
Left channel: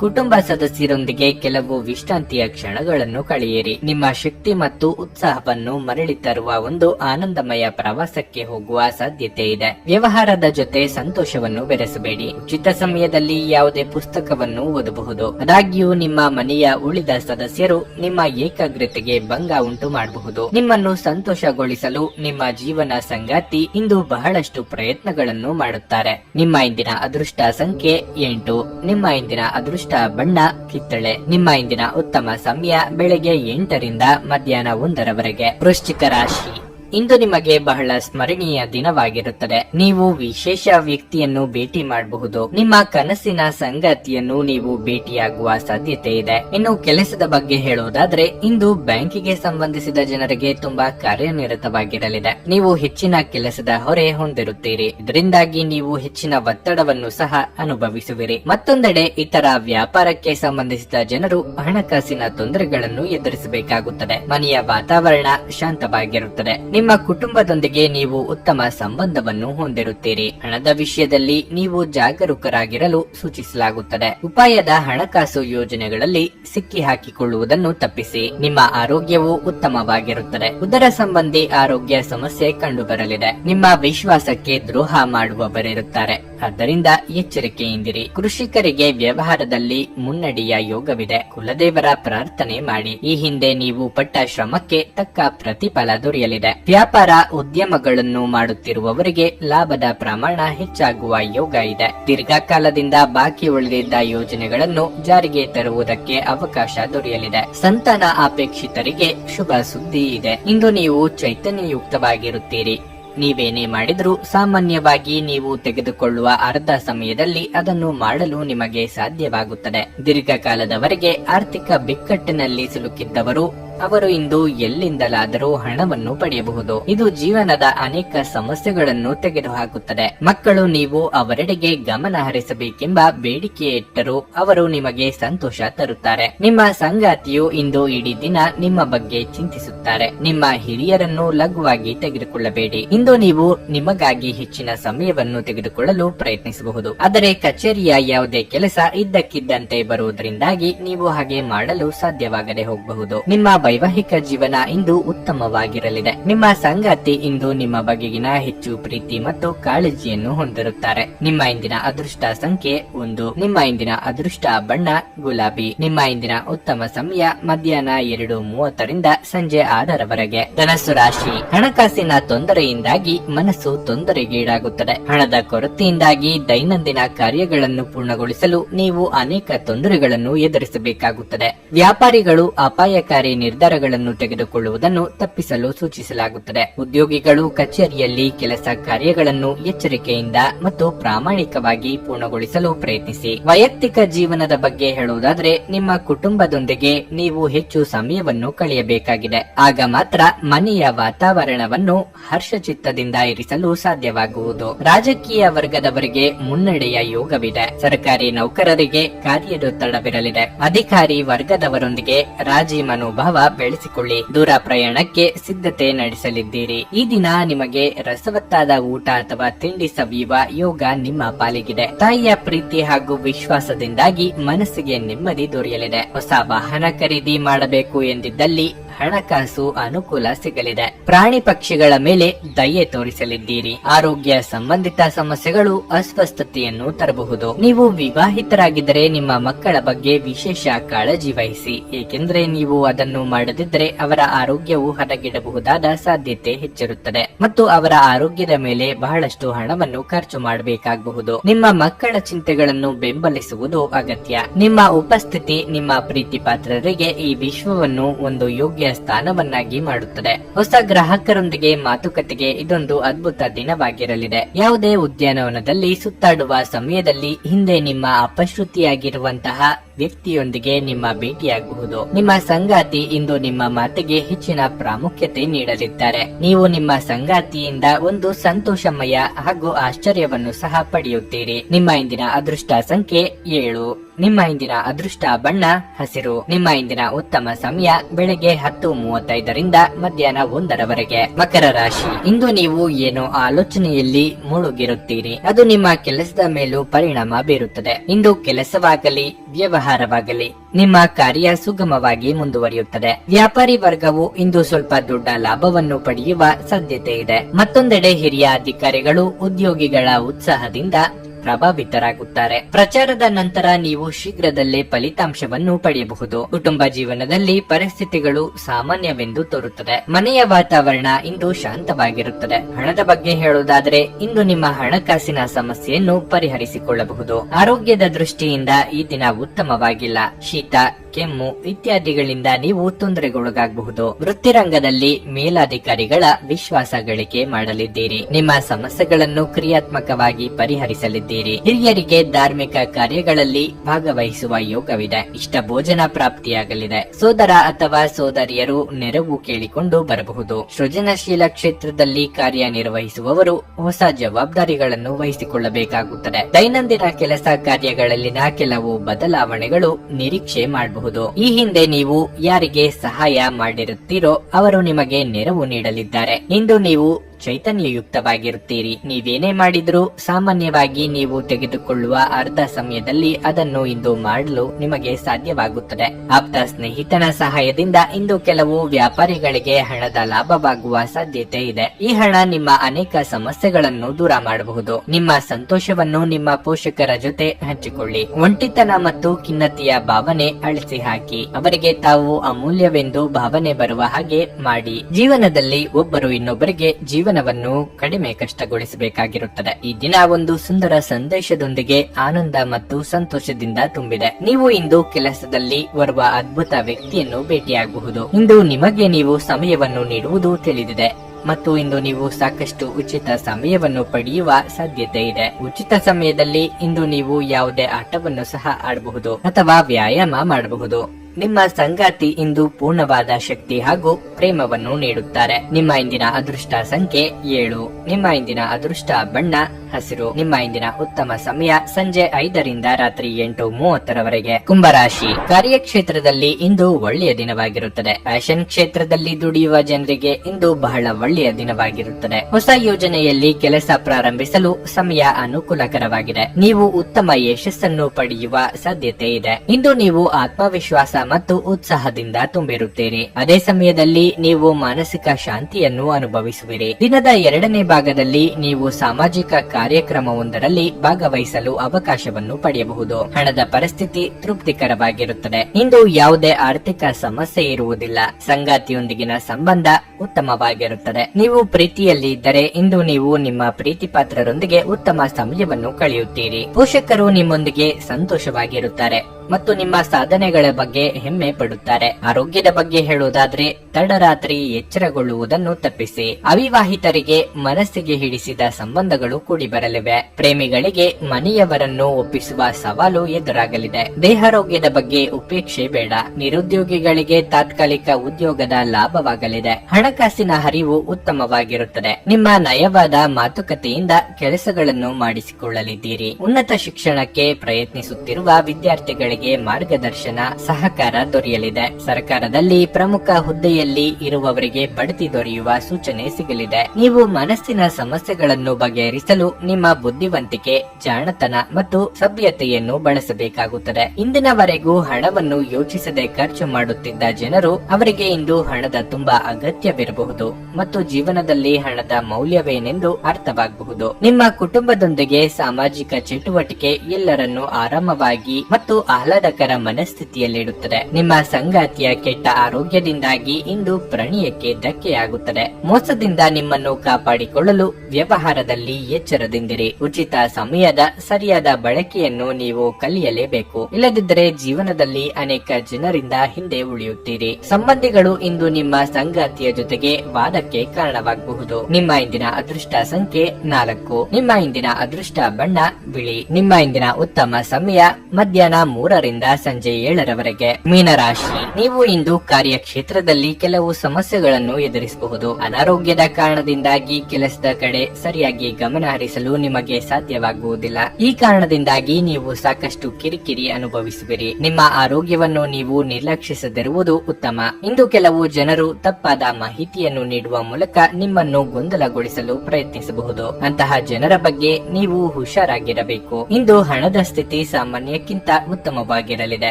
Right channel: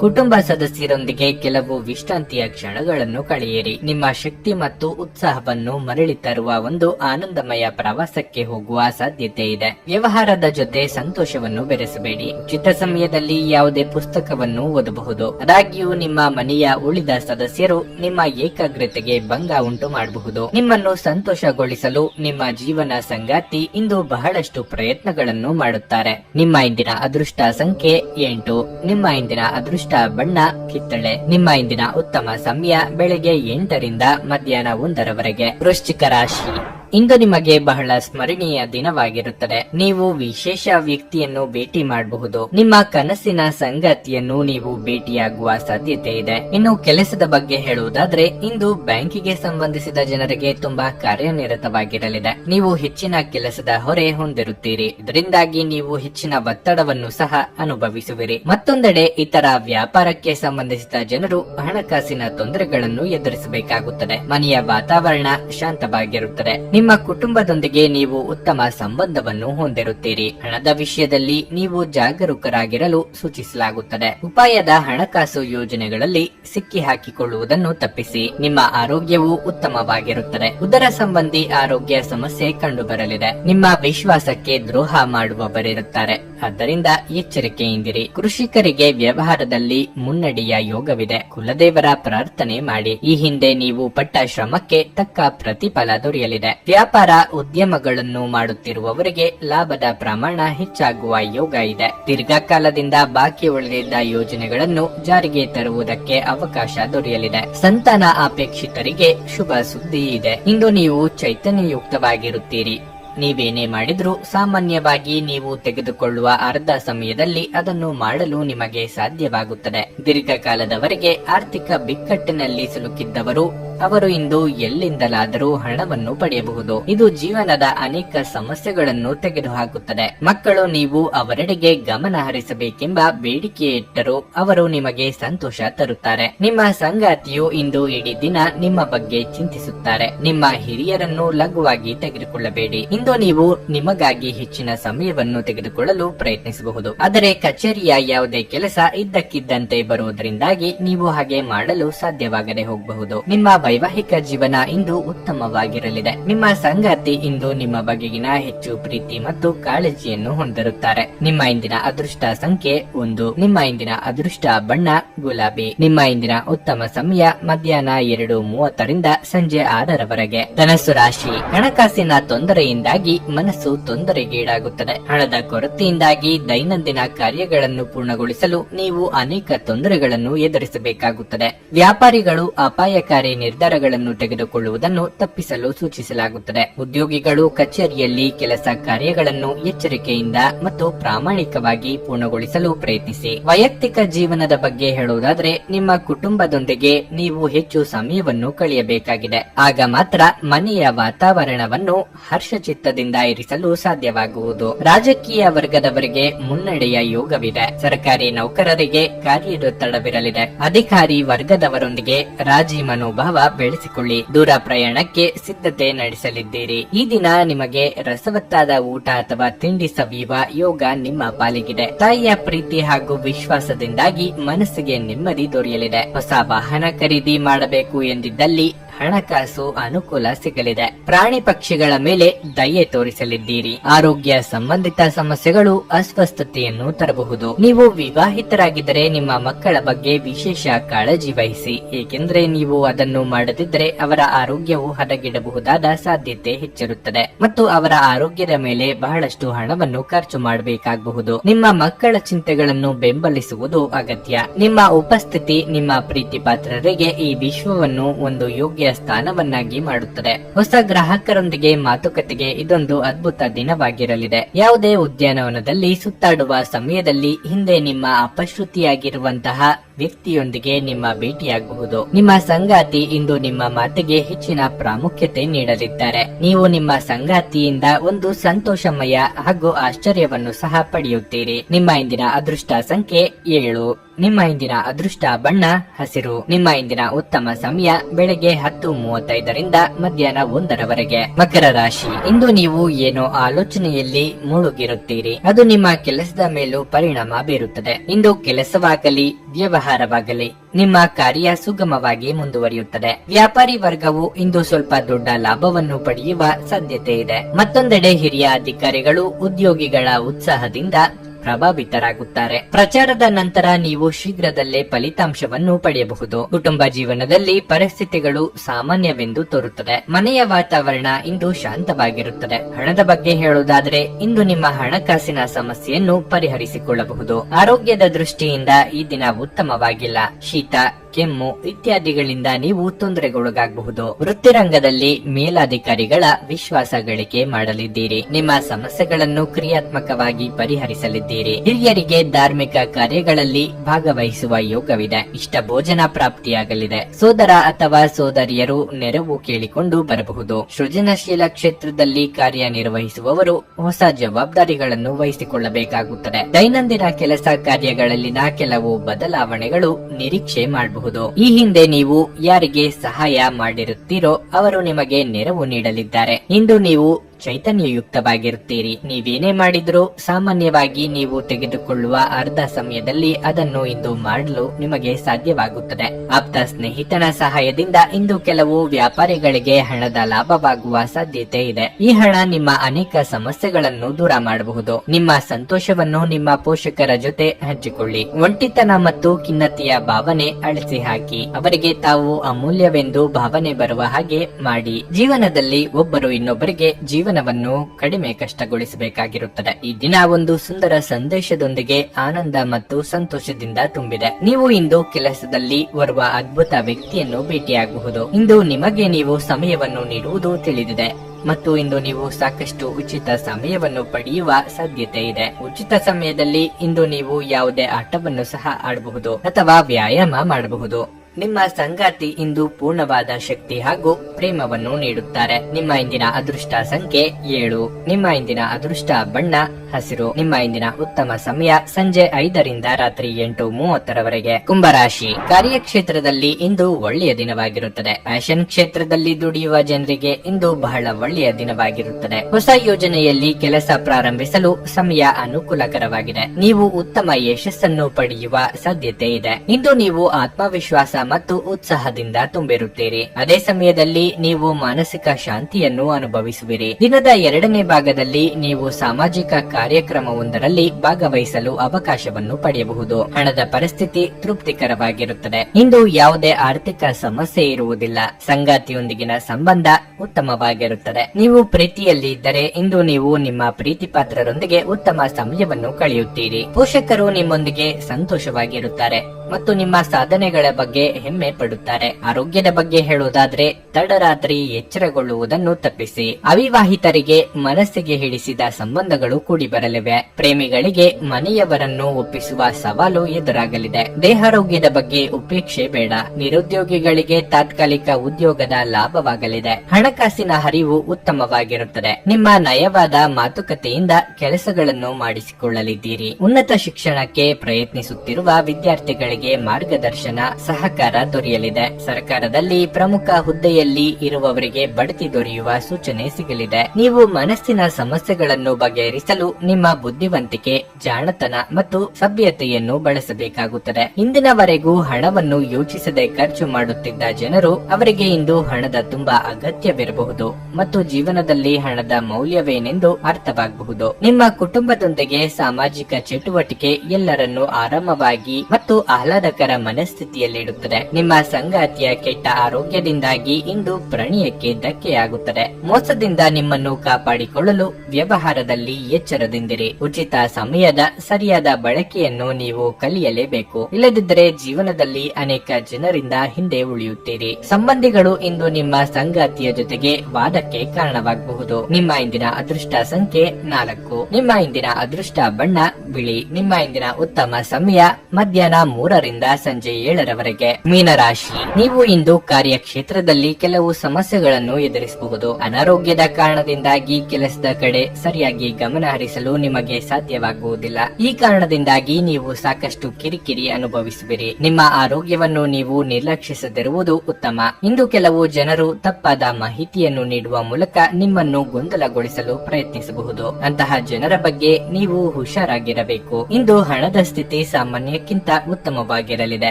ಕುಟುಂಬ ಸದಸ್ಯರೊಂದಿಗೆ ಕೆಲವು ವಿಶ್ರಾಂತಿಯ ಕ್ಷಣಗಳನ್ನು ಕಳೆಯಿರಿ. ನಿಮ್ಮ ಶಕ್ತಿ ಮತ್ತು ಉತ್ಸಾಹವನ್ನು ಮರಳಿ ತರುವ ಒಂದು ಆನಂದಮಯ ಪ್ರವಾಸಕ್ಕೆ ಹೋಗುವ ಸಾಧ್ಯತೆ ಇದೆ. ವ್ಯವಹಾರದ ಜೊತೆ ಸಂತೋಷವನ್ನು ಬೆರೆಸಬೇಡಿ. ಉಚಿತ ಸಮಯದಲ್ಲಿ ಯಾವುದೇ ಪುಸ್ತಕವನ್ನು ಓದಬಹುದು. ಆದಾಗ್ಯೂ ನಿಮ್ಮ ಮನೆಯ ಉಳಿದ ಸದಸ್ಯರು ನಿಮ್ಮ ಏಕಾಗ್ರತೆಗೆ ಭಂಗ ಉಂಟು ಮಾಡಬಹುದು. ನಿಮ್ಮನ್ನು ಸಂತೋಷಗೊಳಿಸಲು ನಿಮ್ಮ ಜೀವನ ಸಂಗಾತಿ ಸಂಗಾತಿ ಇಂದು ಬಹಳಷ್ಟು ಪ್ರಯತ್ನಗಳನ್ನು ಮಾಡುತ್ತಾರೆ. ನಿಮ್ಮ ಇಂದಿನ ಅದೃಷ್ಟ ಸಂಖ್ಯೆ 8. ನಿಮ್ಮ ಇಂದಿನ ಅದೃಷ್ಟ ಬಣ್ಣ ಕಿತ್ತಳೆ. ನಿಮ್ಮ ಇಂದಿನ ಉತ್ತಮ ಸಮಯ ಬೆಳಗ್ಗೆ 8ರಿಂದ ಮಧ್ಯಾಹ್ನ 1ರವರೆಗೆ. ವೃಶ್ಚಿಕ ರಾಶಿ, ಇಂದು ನಿಮಗೆ ಬಹಳ ಸ್ಮರಣೀಯ ದಿನವಾಗಿರುತ್ತದೆ. ನೀವು ವಿಶೇಷ ವ್ಯಕ್ತಿಯನ್ನು ಭೇಟಿ ಮಾಡಬಹುದು. ನಿಮ್ಮ ಕನಸಿನ ಸಂಗಾತಿಯನ್ನು ನೀವು ಭೇಟಿಯಾಗುವ ಸಾಧ್ಯತೆ ಇದೆ. ಇನ್ನು ಕೆಲಸದ ಬಗ್ಗೆ ಹೇಳುವುದಾದ್ರೆ, ಇಂದು ಬ್ಯಾಂಕಿಗೆ ಸಂಬಂಧಿಸಿದ ಜನರಿಗೆ ತುಂಬಾ ಕಾರ್ಯನಿರತವಾಗಿರಲಿದೆ. ನೀವು ಹೆಚ್ಚಿನ ಕೆಲಸದ ಹೊರೆ ಹೊಂದಿರುತ್ತೀರಿ. ಇದರಿಂದಾಗಿ ನೀವು ಹೆಚ್ಚಿನ ಒತ್ತಡವನ್ನು ಸಹ ಅನುಭವಿಸುವಿರಿ. ಮತ್ತೊಂದೆಡೆ ಇತರ ವ್ಯಾಪಾರಕ್ಕೆ ಸಂಬಂಧಿಸಿದ ಜನರು ಹಣಕಾಸಿನ ತೊಂದರೆಗಳನ್ನು ಎದುರಿಸಬೇಕಾಗುತ್ತದೆ. ಮನೆಯ ವಾತಾವರಣ ಶಾಂತವಾಗಿರುತ್ತದೆ. ನಿಮ್ಮ ಕುಟುಂಬದೊಂದಿಗೆ ನೀವು ಉತ್ತಮ ಸಂಬಂಧವನ್ನು ಹೊಂದಿರುತ್ತೀರಿ. ಹಣದ ವಿಷಯದಲ್ಲಿ ನೀವು ಜಾಗರೂಕರಾಗಿರಲು ಸೂಚಿಸಲಾಗುತ್ತದೆ. ಉಪಾಯದ ಹಣಕಾಸು ಯೋಜನೆಗಳಲ್ಲಿ ಸಿಕ್ಕಿ ಹಾಕಿಕೊಳ್ಳುವುದನ್ನು ತಪ್ಪಿಸಿ. ನಿಮ್ಮ ಆರೋಗ್ಯವು ಉತ್ತಮವಾಗಿರುತ್ತದೆ. ಉದರ ಸಂಬಂಧಿ ಆರೋಗ್ಯ ಸಮಸ್ಯೆ ಕಂಡುಬರಲಿದೆ. ನಿಮ್ಮ ವಿಶ್ವಾಸಕ್ಕೆ ದ್ರೋಹ ಮಾಡುವವರಿರುತ್ತಾರೆ. ಆದ್ದರಿಂದ ಎಚ್ಚರಿಕೆಯಿಂದಿರಿ. ಕೃಷಿಕರಿಗೆ ವ್ಯವಹಾರದಲ್ಲಿ ಮುನ್ನಡೆಯ ಯೋಗವಿದೆ. ಕುಲದೇವರ ಪ್ರಾರ್ಥನೆ ಮಾಡಿ. ಈ ಹಿಂದೆ ನೀವು ಪಟ್ಟ ಶ್ರಮಕ್ಕೆ ತಕ್ಕ ಪ್ರತಿಫಲ ದೊರೆಯಲಿದೆ. ವ್ಯಾಪಾರ ಉದ್ಯಮಗಳನ್ನು ಮಾಡುತ್ತಿರುವವರಿಗೆ ಲಾಭದ ಪ್ರಮಾಣ ಹೆಚ್ಚಾಗುವ ಯೋಗ ಇದೆ. ದೀರ್ಘಕಾಲದಿಂದ ಬಾಕಿ ಉಳಿದಿದ್ದ ಯೋಜನೆಗಳನ್ನು ಜಾರಿಗೆ ತರುವುದಕ್ಕೆ ಅವಕಾಶ ದೊರೆಯಲಿದೆ. ಸಂತಾನ ಅಪೇಕ್ಷಿತರಿಗೆ ಶುಭ ಸುದ್ದಿ ಇದೆ. ಇಂದು ನೀವು ಚೈತನ್ಯಯುಕ್ತವಾಗಿರುತ್ತೀರಿ. ನೀವೇನೇ ಮಾಡಿದ್ರೂ ಸಾಮಾನ್ಯವಾಗಿ ನೀವು ತೆಗೆದುಕೊಳ್ಳುವ ಅರ್ಧ ಸಮಯದಲ್ಲಿ ಅದನ್ನು ಮಾಡಲು ನಿಮಗೆ ಸಾಧ್ಯವಾಗುತ್ತದೆ. ದೀರ್ಘಕಾಲದವರೆಗೆ ಆರ್ಥಿಕ ಬಿಕ್ಕಟ್ಟಿನಲ್ಲಿ ಸಿಲುಕಿದ್ದವರು ಅವರು ಇಂದು ಎಲ್ಲಿಂದಲಾದರೂ ಹಣವನ್ನು ಪಡೆಯಬಹುದು. ಇದು ಜೀವನದ ಅನೇಕ ಸಮಸ್ಯೆಗಳನ್ನು ತೆಗೆದುಹಾಕುತ್ತದೆ. ಮಕ್ಕಳು ನೀವು ಅವರೆಡೆಗೆ ಗಮನ ಹರಿಸಬೇಕೆಂಬ ಬೇಡಿಕೆ ಇಟ್ಟರೂ ಅವರು ನಿಮಗೆ ಸಂತೋಷ ತರುತ್ತಾರೆ. ನಿಮ್ಮ ಸಂಗಾತಿಯು ಇಂದು ಇಡೀ ದಿನ ನಿಮ್ಮ ಬಗ್ಗೆ ಚಿಂತಿಸುತ್ತಾರೆ. ನಿಮ್ಮ ಹಿರಿಯರನ್ನು ಲಘುವಾಗಿ ತೆಗೆದುಕೊಳ್ಳಬೇಡಿ. ಇಂದು ನೀವು ನಿಮಗಾಗಿ ಹೆಚ್ಚಿನ ಸಮಯವನ್ನು ತೆಗೆದುಕೊಳ್ಳಲು ಪ್ರಯತ್ನಿಸಬಹುದು. ಆದರೆ ಕಚೇರಿಯ ಯಾವುದೇ ಕೆಲಸ ಇದ್ದಕ್ಕಿದ್ದಂತೆ ಬರುವುದರಿಂದಾಗಿ ನೀವು ಹಾಗೆ ಮಾಡಲು ಸಾಧ್ಯವಾಗದೆ ಹೋಗಬಹುದು. ನಿಮ್ಮ ವೈವಾಹಿಕ ಜೀವನ ಇಂದು ಉತ್ತಮವಾಗಿರಲಿದೆ. ನಿಮ್ಮ ಸಂಗಾತಿ ಇಂದು ನಿಮ್ಮ ಬಗೆಗಿನ ಹೆಚ್ಚು ಪ್ರೀತಿ ಮತ್ತು ಕಾಳಜಿಯನ್ನು ಹೊಂದಿರುತ್ತಾರೆ. ನಿಮ್ಮ ಇಂದಿನ ಅದೃಷ್ಟ ಸಂಖ್ಯೆ 1. ನಿಮ್ಮ ಇಂದಿನ ಅದೃಷ್ಟ ಬಣ್ಣ ಗುಲಾಬಿ. ನಿಮ್ಮ ಇಂದಿನ ಉತ್ತಮ ಸಮಯ ಮಧ್ಯಾಹ್ನ 2:30ರಿಂದ ಸಂಜೆ 6ರವರೆಗೆ. ಧನಸ್ಸು ರಾಶಿ, ಹಣಕಾಸಿನ ತೊಂದರೆಯಿಂದಾಗಿ ಮನಸ್ಸು ತೊಂದರೆಗೀಡಾಗುತ್ತದೆ. ಹಣದ ಕೊರತೆಯಿಂದಾಗಿ ದೈನಂದಿನ ಕಾರ್ಯಗಳನ್ನು ಪೂರ್ಣಗೊಳಿಸಲು ನೀವು ಅನೇಕ ತೊಂದರೆಗಳನ್ನು ಎದುರಿಸಬೇಕಾಗುತ್ತದೆ. ವ್ಯಾಪಾರಿಗಳು ಅಪಾಯಕಾರಿ ನಿರ್ಧಾರಗಳನ್ನು ತೆಗೆದುಕೊಳ್ಳುವುದನ್ನು ತಪ್ಪಿಸಲು ಸೂಚಿಸಲಾಗುತ್ತದೆ. ಉದ್ಯೋಗಿಗಳು ಕಚೇರಿಯಲ್ಲಿ ಕೆಲಸ ಕಾರ್ಯಗಳನ್ನು ಎಚ್ಚರಿಕೆಯಿಂದ ಮತ್ತು ಪ್ರಾಮಾಣಿಕವಾಗಿ ಪೂರ್ಣಗೊಳಿಸಲು ಪ್ರಯತ್ನಿಸಿ. ವೈಯಕ್ತಿಕ ಜೀವನದ ಬಗ್ಗೆ ಹೇಳುವುದಾದರೆ, ನಿಮ್ಮ ಕುಟುಂಬದೊಂದಿಗೆ ನೀವು ಹೆಚ್ಚು ಸಮಯವನ್ನು ಕಳೆಯಬೇಕಾಗಿದೆ. ಆಗ ಮಾತ್ರ ಮನೆಯ ವಾತಾವರಣವನ್ನು ಹರ್ಷಚಿತ್ತದಿಂದ ಇರಿಸಲು ಸಾಧ್ಯವಾಗುವುದು. ರಾಜಕೀಯ ವರ್ಗದವರಿಗೆ ಮುನ್ನಡೆಯ ಯೋಗವಿದೆ. ಸರ್ಕಾರಿ ನೌಕರರಿಗೆ ಕಾರ್ಯದೊತ್ತಡವಿರಲಿದೆ. ಅಧಿಕಾರಿ ವರ್ಗದವರೊಂದಿಗೆ ರಾಜಿ ಮನೋಭಾವ ಬೆಳೆಸಿಕೊಳ್ಳಿ. ದೂರ ಪ್ರಯಾಣಕ್ಕೆ ಸಿದ್ಧತೆ ನಡೆಸಲಿದ್ದೀರಿ. ಈ ದಿನ ನಿಮಗೆ ರಸವತ್ತಾದ ಊಟ ಅಥವಾ ತಿಂಡಿ ಸವಿಯುವ ಯೋಗ ನಿಮ್ಮ ಪಾಲಿಗಿದೆ. ತಾಯಿಯ ಪ್ರೀತಿ ಹಾಗೂ ವಿಶ್ವಾಸದಿಂದಾಗಿ ಮನಸ್ಸಿಗೆ ನೆಮ್ಮದಿ ದೊರೆಯಲಿದೆ. ಹೊಸ ವಾಹನ ಖರೀದಿ ಮಾಡಬೇಕು ಎಂದಿದ್ದಲ್ಲಿ ಹಣಕಾಸು ಅನುಕೂಲ ಸಿಗಲಿದೆ. ಪ್ರಾಣಿ ಪಕ್ಷಿಗಳ ಮೇಲೆ ದಯೆ ತೋರಿಸಲಿದ್ದೀರಿ. ಆರೋಗ್ಯ ಸಂಬಂಧಿತ ಸಮಸ್ಯೆಗಳು ಅಸ್ವಸ್ಥತೆಯನ್ನು ತರಬಹುದು. ನೀವು ವಿವಾಹಿತರಾಗಿದ್ದರೆ ನಿಮ್ಮ ಮಕ್ಕಳ ಬಗ್ಗೆ ವಿಶೇಷ ಕಾಳಜಿ ವಹಿಸಿ, ಏಕೆಂದರೆ ನೀವು ಅದನ್ನು ಮಾಡದಿದ್ದರೆ ಅವರ ಆರೋಗ್ಯವು ಹದಗೆಡಬಹುದಾದ ಸಾಧ್ಯತೆ ಹೆಚ್ಚಿರುತ್ತದೆ ಮತ್ತು ಅವರ ಆರೋಗ್ಯದ ಮೇಲೆ ಬಹಳಷ್ಟು ಹಣವನ್ನು ಖರ್ಚು ಮಾಡಬೇಕಾಗಬಹುದು. ನಿಮ್ಮ ಮಕ್ಕಳ ಚಿಂತೆಗಳನ್ನು ಬೆಂಬಲಿಸುವುದು ಅಗತ್ಯ. ನಿಮ್ಮ ಉಪಸ್ಥಿತಿ ನಿಮ್ಮ ಪ್ರೀತಿ ಪಾತ್ರರಿಗೆ ಈ ವಿಶ್ವವನ್ನು ಒಂದು ಯೋಗ್ಯ ಸ್ಥಾನವನ್ನಾಗಿ ಮಾಡುತ್ತದೆ. ಹೊಸ ಗ್ರಾಹಕರೊಂದಿಗೆ ಮಾತುಕತೆಗೆ ಇದೊಂದು ಅದ್ಭುತ ದಿನವಾಗಿರಲಿದೆ. ಯಾವುದೇ ಉದ್ಯಾನವನದಲ್ಲಿ ಸುತ್ತಾಡುವ ಸಮಯದಲ್ಲಿ ಹಿಂದೆ ನಿಮ್ಮ ಅಪಶ್ರುತಿಯಾಗಿರುವಂತಹ ವ್ಯಕ್ತಿಯೊಂದಿಗೆ ನಿಮ್ಮ ಭೇಟಿಯಾಗಬಹುದು. ನಿಮ್ಮ ಸಂಗಾತಿ ಇಂದು ನಿಮ್ಮ ಮಾತಿಗೆ ಹೆಚ್ಚಿನ ಪ್ರಾಮುಖ್ಯತೆ ನೀಡಲಿದ್ದಾರೆ. ನೀವು ನಿಮ್ಮ ಸಂಗಾತಿಯಿಂದ ಒಂದು ಸಂತೋಷಮಯ ಹಾಗೂ ಆಶ್ಚರ್ಯವನ್ನು ಸಹ ಪಡೆಯುತ್ತೀರಿ. ನಿಮ್ಮ ಇಂದಿನ ಅದೃಷ್ಟ ಸಂಖ್ಯೆ 7. ನಿಮ್ಮ ಇಂದಿನ ಅದೃಷ್ಟ ಬಣ್ಣ ಹಸಿರು. ನಿಮ್ಮ ಇಂದಿನ ಉತ್ತಮ ಸಮಯ ಬೆಳಗ್ಗೆ 10:35ರಿಂದ ಮಧ್ಯಾಹ್ನ 1ರವರೆಗೆ. ಮಕರ ರಾಶಿ, ಇಂದು ನೀವು ಏನೋ ಆಲೋಚನೆಯಲ್ಲಿ ಮುಳುಗಿರುತ್ತೀರಿ. ಅದು ನಿಮ್ಮ ಕೆಲಸದ ಮೇಲೂ ಪರಿಣಾಮ ಬೀರುತ್ತದೆ. ಇಂದು ಕೆಲಸವಾಗಲಿ ವ್ಯವಹಾರವಾಗಲಿ ನಿಮ್ಮ ಕಾರ್ಯ ಸುಗಮವಾಗಿ ಮುಂದುವರಿಯುತ್ತದೆ. ವ್ಯಾಪಾರಿ ವರ್ಗವು ಇಂದು ಸ್ವಲ್ಪ ದೊಡ್ಡ ಲಾಭವನ್ನು ಪಡೆಯುವ ಸಾಧ್ಯತೆ ಇದೆ. ಮತ್ತೊಂದೆಡೆ ಹಿರಿಯ ಅಧಿಕಾರಿಗಳು ಉದ್ಯೋಗಿಗಳ ಉತ್ಸಾಹದಿಂದ ಪ್ರಭಾವಿತರಾಗುತ್ತಾರೆ. ಪ್ರಚಾರದ ನಂತರ ನೀವು ಶೀಘ್ರದಲ್ಲೇ ಫಲಿತಾಂಶವನ್ನು ಪಡೆಯಬಹುದು. ಕುಟುಂಬ ಜೀವನದಲ್ಲಿ ಪರಿಸ್ಥಿತಿಗಳು ಸಾಮಾನ್ಯವೆಂದು ತೋರುತ್ತದೆ. ಮನೆಯ ವಾತಾವರಣ ಇಂದು ಶಾಂತವಾಗಿರುತ್ತದೆ. ಹಣದ ಬಗ್ಗೆ ಹೇಳುವುದಾದರೆ ಇಂದು ನಿಮ್ಮ ಹಣಕಾಸಿನ ಸಮಸ್ಯೆಯನ್ನು ಪರಿಹರಿಸಿಕೊಳ್ಳಬಹುದು. ಆರೋಗ್ಯದ ದೃಷ್ಟಿಯಿಂದ ಈ ದಿನ ಉತ್ತಮವಾಗಿಲ್ಲ. ಶೀತ, ಕೆಮ್ಮು ಇತ್ಯಾದಿಗಳಿಂದ ನೀವು ತೊಂದರೆಗೊಳಗಾಗಬಹುದು. ವೃತ್ತಿರಂಗದಲ್ಲಿ ಮೇಲಾಧಿಕಾರಿಗಳ ವಿಶ್ವಾಸ ಗಳಿಕೆ ಮಾಡಲಿದ್ದೀರಿ. ನಿಮ್ಮ ಸಮಸ್ಯೆಗಳನ್ನು ಕ್ರಿಯಾತ್ಮಕವಾಗಿ ಪರಿಹರಿಸಲಿದ್ದೀರಿ. ಹಿರಿಯರಿಗೆ ಧಾರ್ಮಿಕ ಕಾರ್ಯಗಳಲ್ಲಿ ಭಾಗವಹಿಸುವ ಯೋಗವಿದೆ. ಇಷ್ಟ ಭೋಜನ ಪ್ರಾಪ್ತಿಯಾಗಲಿದೆ. ಸೋದರ ಅಥವಾ ಸೋದರಿಯರು ನೆರವು ಕೇಳಿಕೊಂಡು ಬರಬಹುದು. ಸೃಜನಶೀಲ ಕ್ಷೇತ್ರದಲ್ಲಿ ಕಾರ್ಯನಿರ್ವಹಿಸುವವರು ಹೊಸ ಜವಾಬ್ದಾರಿಗಳನ್ನು ವಹಿಸಿಕೊಳ್ಳಬೇಕಾಗುತ್ತದೆ. ದೈನಂದಿನ ಕೆಲಸ ಕಾರ್ಯಗಳಲ್ಲಿನ ಕೆಲವು ಬದಲಾವಣೆಗಳು ನಿರೀಕ್ಷೆ ಮಾಡಬಹುದು. ಈ ಹಿಂದೆ ನೀವು ಯಾರಿಗೆ ಸಹಾಯ ಮಾಡಿರುತ್ತೀರೋ ಅವರು ನಿಮಗೆ ನೆರವು ನೀಡಲಿದ್ದಾರೆ. ಇಂದು ನೀವು ಚೈತನ್ಯಯುಕ್ತವಾಗಿರುತ್ತೀರಿ. ನೀವೇನೇ ಮಾಡಿದ್ರೂ ಸಾಮಾನ್ಯವಾಗಿ ನೀವು ತೆಗೆದುಕೊಳ್ಳುವ ಅರ್ಧ ಸಮಯದಲ್ಲಿ ಅದನ್ನು ಇಂದು ಮಾಡಲು ನಿಮಗೆ ಸಾಧ್ಯವಾಗುತ್ತದೆ. ಆಪ್ತ ಸ್ನೇಹಿತನ ಸಹಾಯದಿಂದ ಇಂದು ಕೆಲವು ವ್ಯಾಪಾರಿಗಳಿಗೆ ಹಣದ ಲಾಭವಾಗುವ ಸಾಧ್ಯತೆ ಇದೆ. ಈ ಹಣ ನಿಮ್ಮ ಅನೇಕ ಸಮಸ್ಯೆಗಳನ್ನು ದೂರ ಮಾಡಬಹುದು. ನಿಮ್ಮ ಸಂತೋಷವನ್ನು ನಿಮ್ಮ ಪೋಷಕರ ಜೊತೆ ಹಂಚಿಕೊಳ್ಳಿ. ಒಂಟಿತನ ಮತ್ತು ಖಿನ್ನತೆಯ ಭಾವನೆ ಅಳಿಸಿ ಹಾಕಿ. ಅವರಿಗೆ ತಾವು ಅಮೂಲ್ಯವೆಂದು ಭಾವನೆ ಬರುವ ಹಾಗೆ ಮಾಡಿ. ಜೀವನದಲ್ಲಿ ಒಬ್ಬರು ಇನ್ನೊಬ್ಬರಿಗೆ ಜೀವನವನ್ನು ಕಡಿಮೆ ಕಷ್ಟಗೊಳಿಸಬೇಕಾಗಿರುತ್ತದೆ. ಈ ದಿನ ಒಂದು ಸುಂದರ ಸಂದೇಶದೊಂದಿಗೆ ಆನಂದ ಮತ್ತು ಸಂತೋಷದಿಂದ ತುಂಬಿದೆ. ನೀವು ಇಂದು ಕೆಲಸದಲ್ಲಿ ಓರ್ವ ಅದ್ಭುತ ವ್ಯಕ್ತಿಯನ್ನು ಭೇಟಿಯಾಗಬಹುದು. ಇಂದು ನಿಮಗೆ ನೀವು ಸಮಯವನ್ನು ನೀಡುವುದು ತಿಳಿದಿದೆ ಮತ್ತು ಇಂದು ನೀವು ಸಾಕಷ್ಟು ಉಚಿತ ಸಮಯವನ್ನು ಪಡೆಯುವ ಸಾಧ್ಯತೆ ಇದೆ. ಉಚಿತ ಸಮಯದಲ್ಲಿ ಇಂದು ನೀವು ಯಾವುದೇ ಆಟವನ್ನು ಸಹ ಆಡಬಹುದು ಅಥವಾ ವ್ಯಾಯಾಮ ಮಾಡಬಹುದು. ನಿಮ್ಮ ಸಂಗಾತಿ ಇಂದು ಪೂರ್ಣವಾದ ಶಕ್ತಿ ಹಾಗೂ ಪ್ರೇಮವನ್ನು ನೀಡುತ್ತಾರೆ. ನಿಮ್ಮ ಇಂದಿನ ಅದೃಷ್ಟ ಸಂಖ್ಯೆ 7. ನಿಮ್ಮ ಇಂದಿನ ಅದೃಷ್ಟ ಬಣ್ಣ ಹಸಿರು. ನಿಮ್ಮ ಇಂದಿನ ಉತ್ತಮ ಸಮಯ ಸಂಜೆ 5 ರಿಂದ ರಾತ್ರಿ 8:30 ಕುಂಭರಾಶಿ. ಕಾರ್ಯಕ್ಷೇತ್ರದಲ್ಲಿ ಇಂದು ಒಳ್ಳೆಯ ದಿನವಾಗಿರುತ್ತದೆ. ಫ್ಯಾಷನ್ ಕ್ಷೇತ್ರದಲ್ಲಿ ದುಡಿಯುವ ಜನರಿಗೆ ಇಂದು ಬಹಳ ಒಳ್ಳೆಯ ದಿನವಾಗಿರುತ್ತದೆ. ಹೊಸ ಯೋಜನೆಯಲ್ಲಿ ಕೆಲಸ ಪ್ರಾರಂಭಿಸಲು ಸಮಯ ಅನುಕೂಲಕರವಾಗಿದೆ. ನೀವು ಉತ್ತಮ ಯಶಸ್ಸನ್ನು ಪಡೆಯುವ ಸಾಧ್ಯತೆ ಇದೆ. ಇಂದು ನೀವು ಆತ್ಮವಿಶ್ವಾಸ ಮತ್ತು ಉತ್ಸಾಹದಿಂದ ತುಂಬಿರುತ್ತೀರಿ. ಅದೇ ಸಮಯದಲ್ಲಿ ನೀವು ಮಾನಸಿಕ ಶಾಂತಿಯನ್ನು ಅನುಭವಿಸುವಿರಿ. ದಿನದ 2ನೇ ಭಾಗದಲ್ಲಿ ನೀವು ಸಾಮಾಜಿಕ ಕಾರ್ಯಕ್ರಮವೊಂದರಲ್ಲಿ ಭಾಗವಹಿಸಲು ಅವಕಾಶವನ್ನು ಪಡೆಯಬಹುದು. ಹಣದ ಪರಿಸ್ಥಿತಿ ತೃಪ್ತಿಕರವಾಗಿರುತ್ತದೆ. ಇಂದು ಯಾವುದೇ ಆರ್ಥಿಕ ಸಮಸ್ಯೆ ಇರುವುದಿಲ್ಲ. ಸಂಗಾತಿಯೊಂದಿಗಿನ ಸಂಬಂಧ ಉತ್ತಮವಾಗಿರುತ್ತದೆ. ನೀವು ಪ್ರೀತಿಯಲ್ಲಿ ಇದ್ದರೆ ಇಂದು ನೀವು ನಿಮ್ಮ ಪ್ರೀತಿ ಪಾತ್ರರೊಂದಿಗೆ ಉತ್ತಮ ಸಮಯವನ್ನು ಕಳೆಯುತ್ತೀರಿ. ಪೋಷಕರು ನಿಮ್ಮೊಂದಿಗೆ ಸಂತೋಷವಾಗಿರುತ್ತಾರೆ ಮತ್ತು ನಿಮ್ಮ ಸಾಧನೆಗಳ ಬಗ್ಗೆ ಹೆಮ್ಮೆ ಪಡುತ್ತಾರೆ. ಆರೋಗ್ಯದ ಬಗ್ಗೆ ಹೇಳುವುದಾದ್ರೆ ತಡರಾತ್ರಿ ಎಚ್ಚರಗೊಳ್ಳುವುದನ್ನು ತಪ್ಪಿಸಿ. ಅವಿವಾಹಿತರಿಗೆ ಮನಸ್ಸಿಗೆ ಹಿಡಿಸಿದ ಸಂಬಂಧಗಳು ಕೂಡಿ ಬರಲಿವೆ. ಪ್ರೇಮಿಗಳಿಗೆ ಮನೆಯವರನ್ನು ಒಪ್ಪಿಸುವ ಸವಾಲು ಎದುರಾಗಲಿದೆ. ದೇಹಾರೋಗ್ಯದ ಬಗ್ಗೆ ಉಪೇಕ್ಷೆ ಬೇಡ. ನಿರುದ್ಯೋಗಿಗಳಿಗೆ ತಾತ್ಕಾಲಿಕ ಉದ್ಯೋಗದ ಲಾಭವಾಗಲಿದೆ. ಹಣಕಾಸಿನ ಹರಿವು ಉತ್ತಮವಾಗಿರುತ್ತದೆ. ನಿಮ್ಮ ನಯವಾದ ಮಾತುಕತೆಯಿಂದ ಕೆಲಸಗಳನ್ನು ಮಾಡಿಸಿಕೊಳ್ಳಲಿದ್ದೀರಿ. ಉನ್ನತ ಶಿಕ್ಷಣಕ್ಕೆ ಪ್ರಯತ್ನಿಸುತ್ತಿರುವ ವಿದ್ಯಾರ್ಥಿಗಳಿಗೆ ಮಾರ್ಗದರ್ಶನ ಸಹಕಾರ ದೊರೆಯಲಿದೆ. ಸರ್ಕಾರದಲ್ಲಿ ಪ್ರಮುಖ ಹುದ್ದೆಯಲ್ಲಿ ಇರುವವರಿಗೆ ಬಡ್ತಿ ದೊರೆಯುವ ಸೂಚನೆ ಸಿಗಲಿದೆ. ನೀವು ಮನಸ್ಸಿನ ಸಮಸ್ಯೆಗಳನ್ನು ಬಗೆಹರಿಸಲು ನಿಮ್ಮ ಬುದ್ಧಿವಂತಿಕೆ, ಜಾಣತನ ಮತ್ತು ಸಭ್ಯತೆಯನ್ನು ಬಳಸಬೇಕಾಗುತ್ತದೆ. ಇಂದಿನವರೆಗೂ ಹಣವನ್ನು ಯೋಚಿಸದೆ ಖರ್ಚು ಮಾಡುತ್ತಿದ್ದ ಜನರು ಅವರಿಗೆ ಇಂದು ಹಣದ ತುಂಬಾ ಅಗತ್ಯವಿರಬಹುದು ಮತ್ತು ಜೀವನದಲ್ಲಿ ಹಣದ ಮೌಲ್ಯವೇನೆಂದು ಅರ್ಥವಾಗಬಹುದು. ನಿಮ್ಮ ಕುಟುಂಬದೊಂದಿಗೆ ಸಾಮಾಜಿಕ ಚಟುವಟಿಕೆ ಎಲ್ಲರನ್ನೂ ಆರಾಮವಾಗಿ ಮತ್ತು ಆಹ್ಲಾದಕರ ಮನಸ್ಥಿತಿಯಲ್ಲಿಡುತ್ತದೆ. ನಿಮ್ಮ ಸಂಗಾತಿಯ ಕೆಟ್ಟ ಆರೋಗ್ಯದಿಂದಾಗಿ ಇಂದು ಪ್ರಣಯಕ್ಕೆ ಧಕ್ಕೆಯಾಗುತ್ತದೆ. ಮೋಸದಿಂದ ನಿಮ್ಮನ್ನು ಕಾಪಾಡಿಕೊಳ್ಳಲು ವ್ಯವಹಾರದಲ್ಲಿ ಎಚ್ಚರದಿಂದಿರಿ. ಉಚಿತ ಸಮಯದ ಸರಿಯಾದ ಬಳಕೆಯನ್ನು ನೀವು ಕಲಿಯಲೇಬೇಕು. ಇಲ್ಲದಿದ್ದರೆ ಜೀವನದಲ್ಲಿ ಅನೇಕ ಜನರಿಂದ ಹಿಂದೆ ಉಳಿಯುತ್ತೀರಿ. ಸಂಬಂಧಿಗಳು ಇಂದು ನಿಮ್ಮ ಸಂಗಾತಿಯ ಜೊತೆಗೆ ವಾದಕ್ಕೆ ಕಾರಣವಾಗಬಹುದು. ನಿಮ್ಮ ಇಂದಿನ ಅದೃಷ್ಟ ಸಂಖ್ಯೆ 4. ನಿಮ್ಮ ಇಂದಿನ ಅದೃಷ್ಟ ಬಣ್ಣ ಬಿಳಿ. ನಿಮ್ಮ ಇಂದಿನ ಉತ್ತಮ ಸಮಯ ಮಧ್ಯಾಹ್ನ 3 ರಿಂದ ಸಂಜೆ 7 ಮೀನರಾಶಿ. ನೀವು ಇಂದು ಕಾರ್ಯಕ್ಷೇತ್ರದಲ್ಲಿ ಕೆಲವು ಸಮಸ್ಯೆಗಳನ್ನು ಎದುರಿಸಬಹುದು. ಅನಾರೋಗ್ಯದ ಕಾರಣದಿಂದಾಗಿ ಕೆಲಸದ ಕಡೆ ಸರಿಯಾಗಿ ಗಮನ ಹರಿಸಲು ನಿಮಗೆ ಸಾಧ್ಯವಾಗುವುದಿಲ್ಲ. ಈ ಕಾರಣದಿಂದಾಗಿ ನೀವು ಸಾಕಷ್ಟು ಕಿರಿಕಿರಿ ಅನುಭವಿಸುವಿರಿ. ನಿಮ್ಮ ಆರೋಗ್ಯವನ್ನು ನೀವು ನಿರ್ಲಕ್ಷಿಸದಿರುವುದು ಉತ್ತಮ. ಇಂದು ಕೆಲವು ಜನರು ತಪ್ಪಾದ ಮಾಹಿತಿಯನ್ನು ನೀಡುವ ಮೂಲಕ ನಿಮ್ಮನ್ನು ಗೊಂದಲಗೊಳಿಸಲು ಪ್ರಯತ್ನಿಸಬಹುದು. ಅಂತಹ ಜನರ ಬಗ್ಗೆ ನೀವು ಹುಷಾರಾಗಿರಬೇಕು. ಇಂದು ಹಣದ ಸ್ಥಿತಿ ಸಾಮಾನ್ಯಕ್ಕಿಂತ ಉತ್ತಮ ಉತ್ತಮವಾಗಿರಲಿದೆ.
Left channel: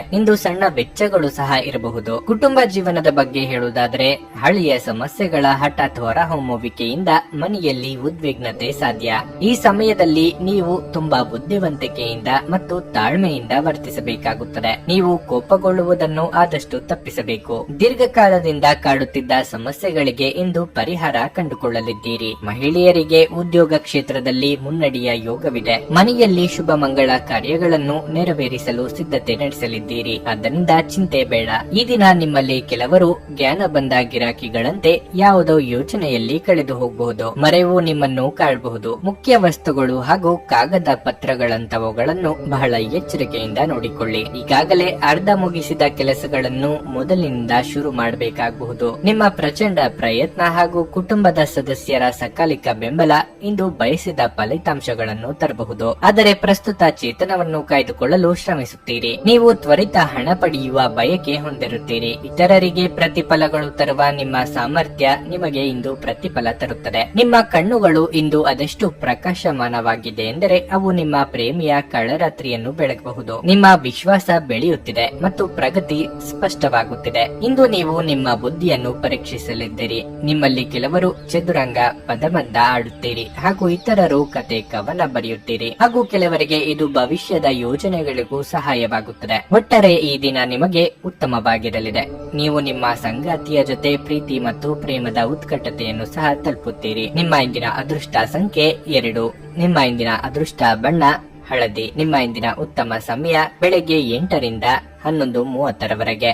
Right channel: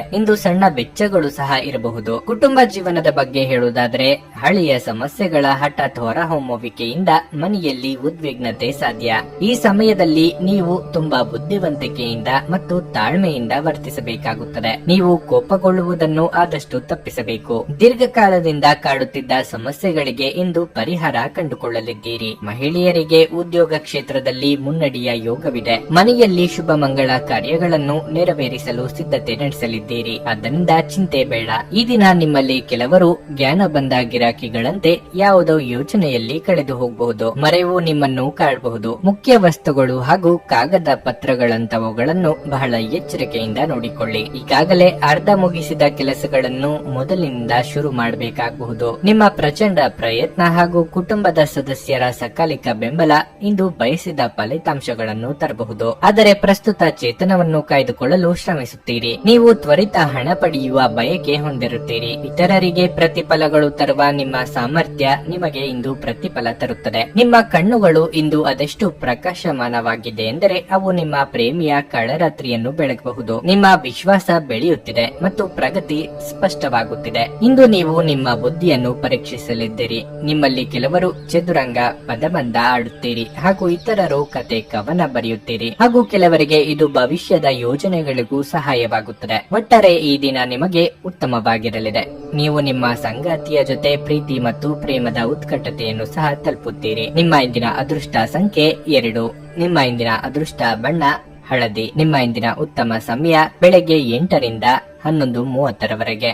ಇಂದು ಸಣ್ಣ ವೆಚ್ಚಗಳು ಸಹ ಇರಬಹುದು. ಕುಟುಂಬ ಜೀವನದ ಬಗ್ಗೆ ಹೇಳುವುದಾದ್ರೆ ಹಳೆಯ ಸಮಸ್ಯೆಗಳ ಹಠಾತ್ ಹೊರಹೊಮ್ಮುವಿಕೆಯಿಂದ ಮನೆಯಲ್ಲಿ ಉದ್ವಿಗ್ನತೆ ಸಾಧ್ಯ. ಈ ಸಮಯದಲ್ಲಿ ನೀವು ತುಂಬಾ ಬುದ್ಧಿವಂತಿಕೆಯಿಂದ ಮತ್ತು ತಾಳ್ಮೆಯಿಂದ ವರ್ತಿಸಬೇಕಾಗುತ್ತದೆ. ನೀವು ಕೋಪಗೊಳ್ಳುವುದನ್ನು ಆದಷ್ಟು ತಪ್ಪಿಸಬೇಕು. ದೀರ್ಘಕಾಲದಿಂದ ಕಾಡುತ್ತಿದ್ದ ಸಮಸ್ಯೆಗಳಿಗೆ ಇಂದು ಪರಿಹಾರ ಕಂಡುಕೊಳ್ಳಲಿದ್ದೀರಿ. ಮಹಿಳೆಯರಿಗೆ ಉದ್ಯೋಗ ಕ್ಷೇತ್ರದಲ್ಲಿ ಮುನ್ನಡೆಯ ಯೋಗವಿದೆ. ಮನೆಯಲ್ಲಿ ಶುಭ ಮಂಗಳ ಕಾರ್ಯಗಳನ್ನು ನೆರವೇರಿಸಲು ಸಿದ್ಧತೆ ನಡೆಸಲಿದ್ದೀರಿ. ಆದ್ದರಿಂದ ಚಿಂತೆ ಬೇಡ. ಈ ದಿನ ನಿಮ್ಮಲ್ಲಿ ಕೆಲವರು ಜ್ಞಾನ ಬಂದ ಗಿರಾಕಿಗಳಂತೆ ಯಾವುದೋ ಯೋಚನೆಯಲ್ಲಿ ಕಳೆದು ಹೋಗಬಹುದು. ಮರೆವು ನಿಮ್ಮನ್ನು ಕಾಡಬಹುದು. ಮುಖ್ಯ ವಸ್ತುಗಳು ಹಾಗೂ ಕಾಗದ ಪತ್ರಗಳಂತವುಗಳನ್ನು ಬಹಳ ಎಚ್ಚರಿಕೆಯಿಂದ ನೋಡಿಕೊಳ್ಳಿ. ಈಗಾಗಲೇ ಅರ್ಧ ಮುಗಿಸಿದ ಕೆಲಸಗಳನ್ನು ಮೊದಲಿನಿಂದ ಶುರು ಮಾಡಬೇಕಾಗಬಹುದು. ನಿಮ್ಮ ಪ್ರಚಂಡ ಪ್ರಯತ್ನ ಹಾಗೂ ಕುಟುಂಬದ ಸದಸ್ಯರ ಸಕಾಲಿಕ ಬೆಂಬಲ ಇಂದು ಬಯಸಿದ ಫಲಿತಾಂಶಗಳನ್ನು ತರಬಹುದು. ಆದರೆ ಪ್ರಸ್ತುತ ಚೇತನವನ್ನು ಕಾಯ್ದುಕೊಳ್ಳಲು ಶ್ರಮಿಸುತ್ತೀರಿ. ನೀವು ತ್ವರಿತ ಹಣ ಪಡೆಯುವ ಬಯಕೆ ಹೊಂದಿರುತ್ತೀರಿ. ಇತರರಿಗೆ ಪ್ರತಿಫಲಗಳು ತರುವ ನಿಮ್ಮ ಸಾಮರ್ಥ್ಯ ನಿಮಗೆ ಇಂದು ಪ್ರತಿಫಲ ತರುತ್ತದೆ. ನಿಮ್ಮ ಕಣ್ಣುಗಳು ಇಂದು ಅದೆಷ್ಟು ಪ್ರಕಾಶಮಾನವಾಗಿದೆ ಎಂದರೆ ಅವು ನಿಮ್ಮ ಪ್ರೇಮಿಯ ಕಳರಾತ್ರಿಯನ್ನು ಬೆಳಗಬಹುದು. ನಿಮ್ಮ ವಿಶ್ವಾಸ ಬೆಳೆಯುತ್ತಿದೆ ಮತ್ತು ಪ್ರಗತಿ ಸ್ಪಷ್ಟವಾಗುತ್ತಿದೆ. ಇಂದು ನೀವು ನಿಮ್ಮ ಬುದ್ಧಿಯನ್ನು ಪರೀಕ್ಷಿಸಲಿದ್ದೀರಿ. ನಿಮ್ಮಲ್ಲಿ ಕೆಲವರು ಚದುರಂಗ ಪದಬಂಧ ಆಡುತ್ತೀರಿ ಹಾಗೂ ಇತರರು ಕತೆ ಕವನ ಬರೆಯುತ್ತೀರಿ ಹಾಗೂ ಕೆಲವರಿಗೆ ಇದು ಭವಿಷ್ಯದ ಯೋಜನೆಗಳಿಗೂ ಸಹಾಯವಾಗುತ್ತದೆ. ಒಟ್ಟಾರೆ ಈ ದಿನ ನಿಮಗೆ ಉತ್ತಮವಾಗಿರಲಿದೆ. ನೀವು ನಿಮ್ಮ ಸಂಗಾತಿಯ ಜೊತೆ ಪ್ರೀತಿ ಮತ್ತು ಪ್ರೇಮದ ಉತ್ಕಟತೆಯನ್ನು ಸಹ ತಲುಪುತ್ತೀರಿ. ನಿಮ್ಮ ಇಂದಿನ ಅದೃಷ್ಟ ಸಂಖ್ಯೆ 2. ನಿಮ್ಮ ಇಂದಿನ ಅದೃಷ್ಟ ಬಣ್ಣ ಹಳದಿ. ನಿಮ್ಮ ಇಂದಿನ ಉತ್ತಮ ಸಮಯ ಬೆಳಗ್ಗೆ 8 ರಿಂದ 11:30 ರವರೆಗೆ.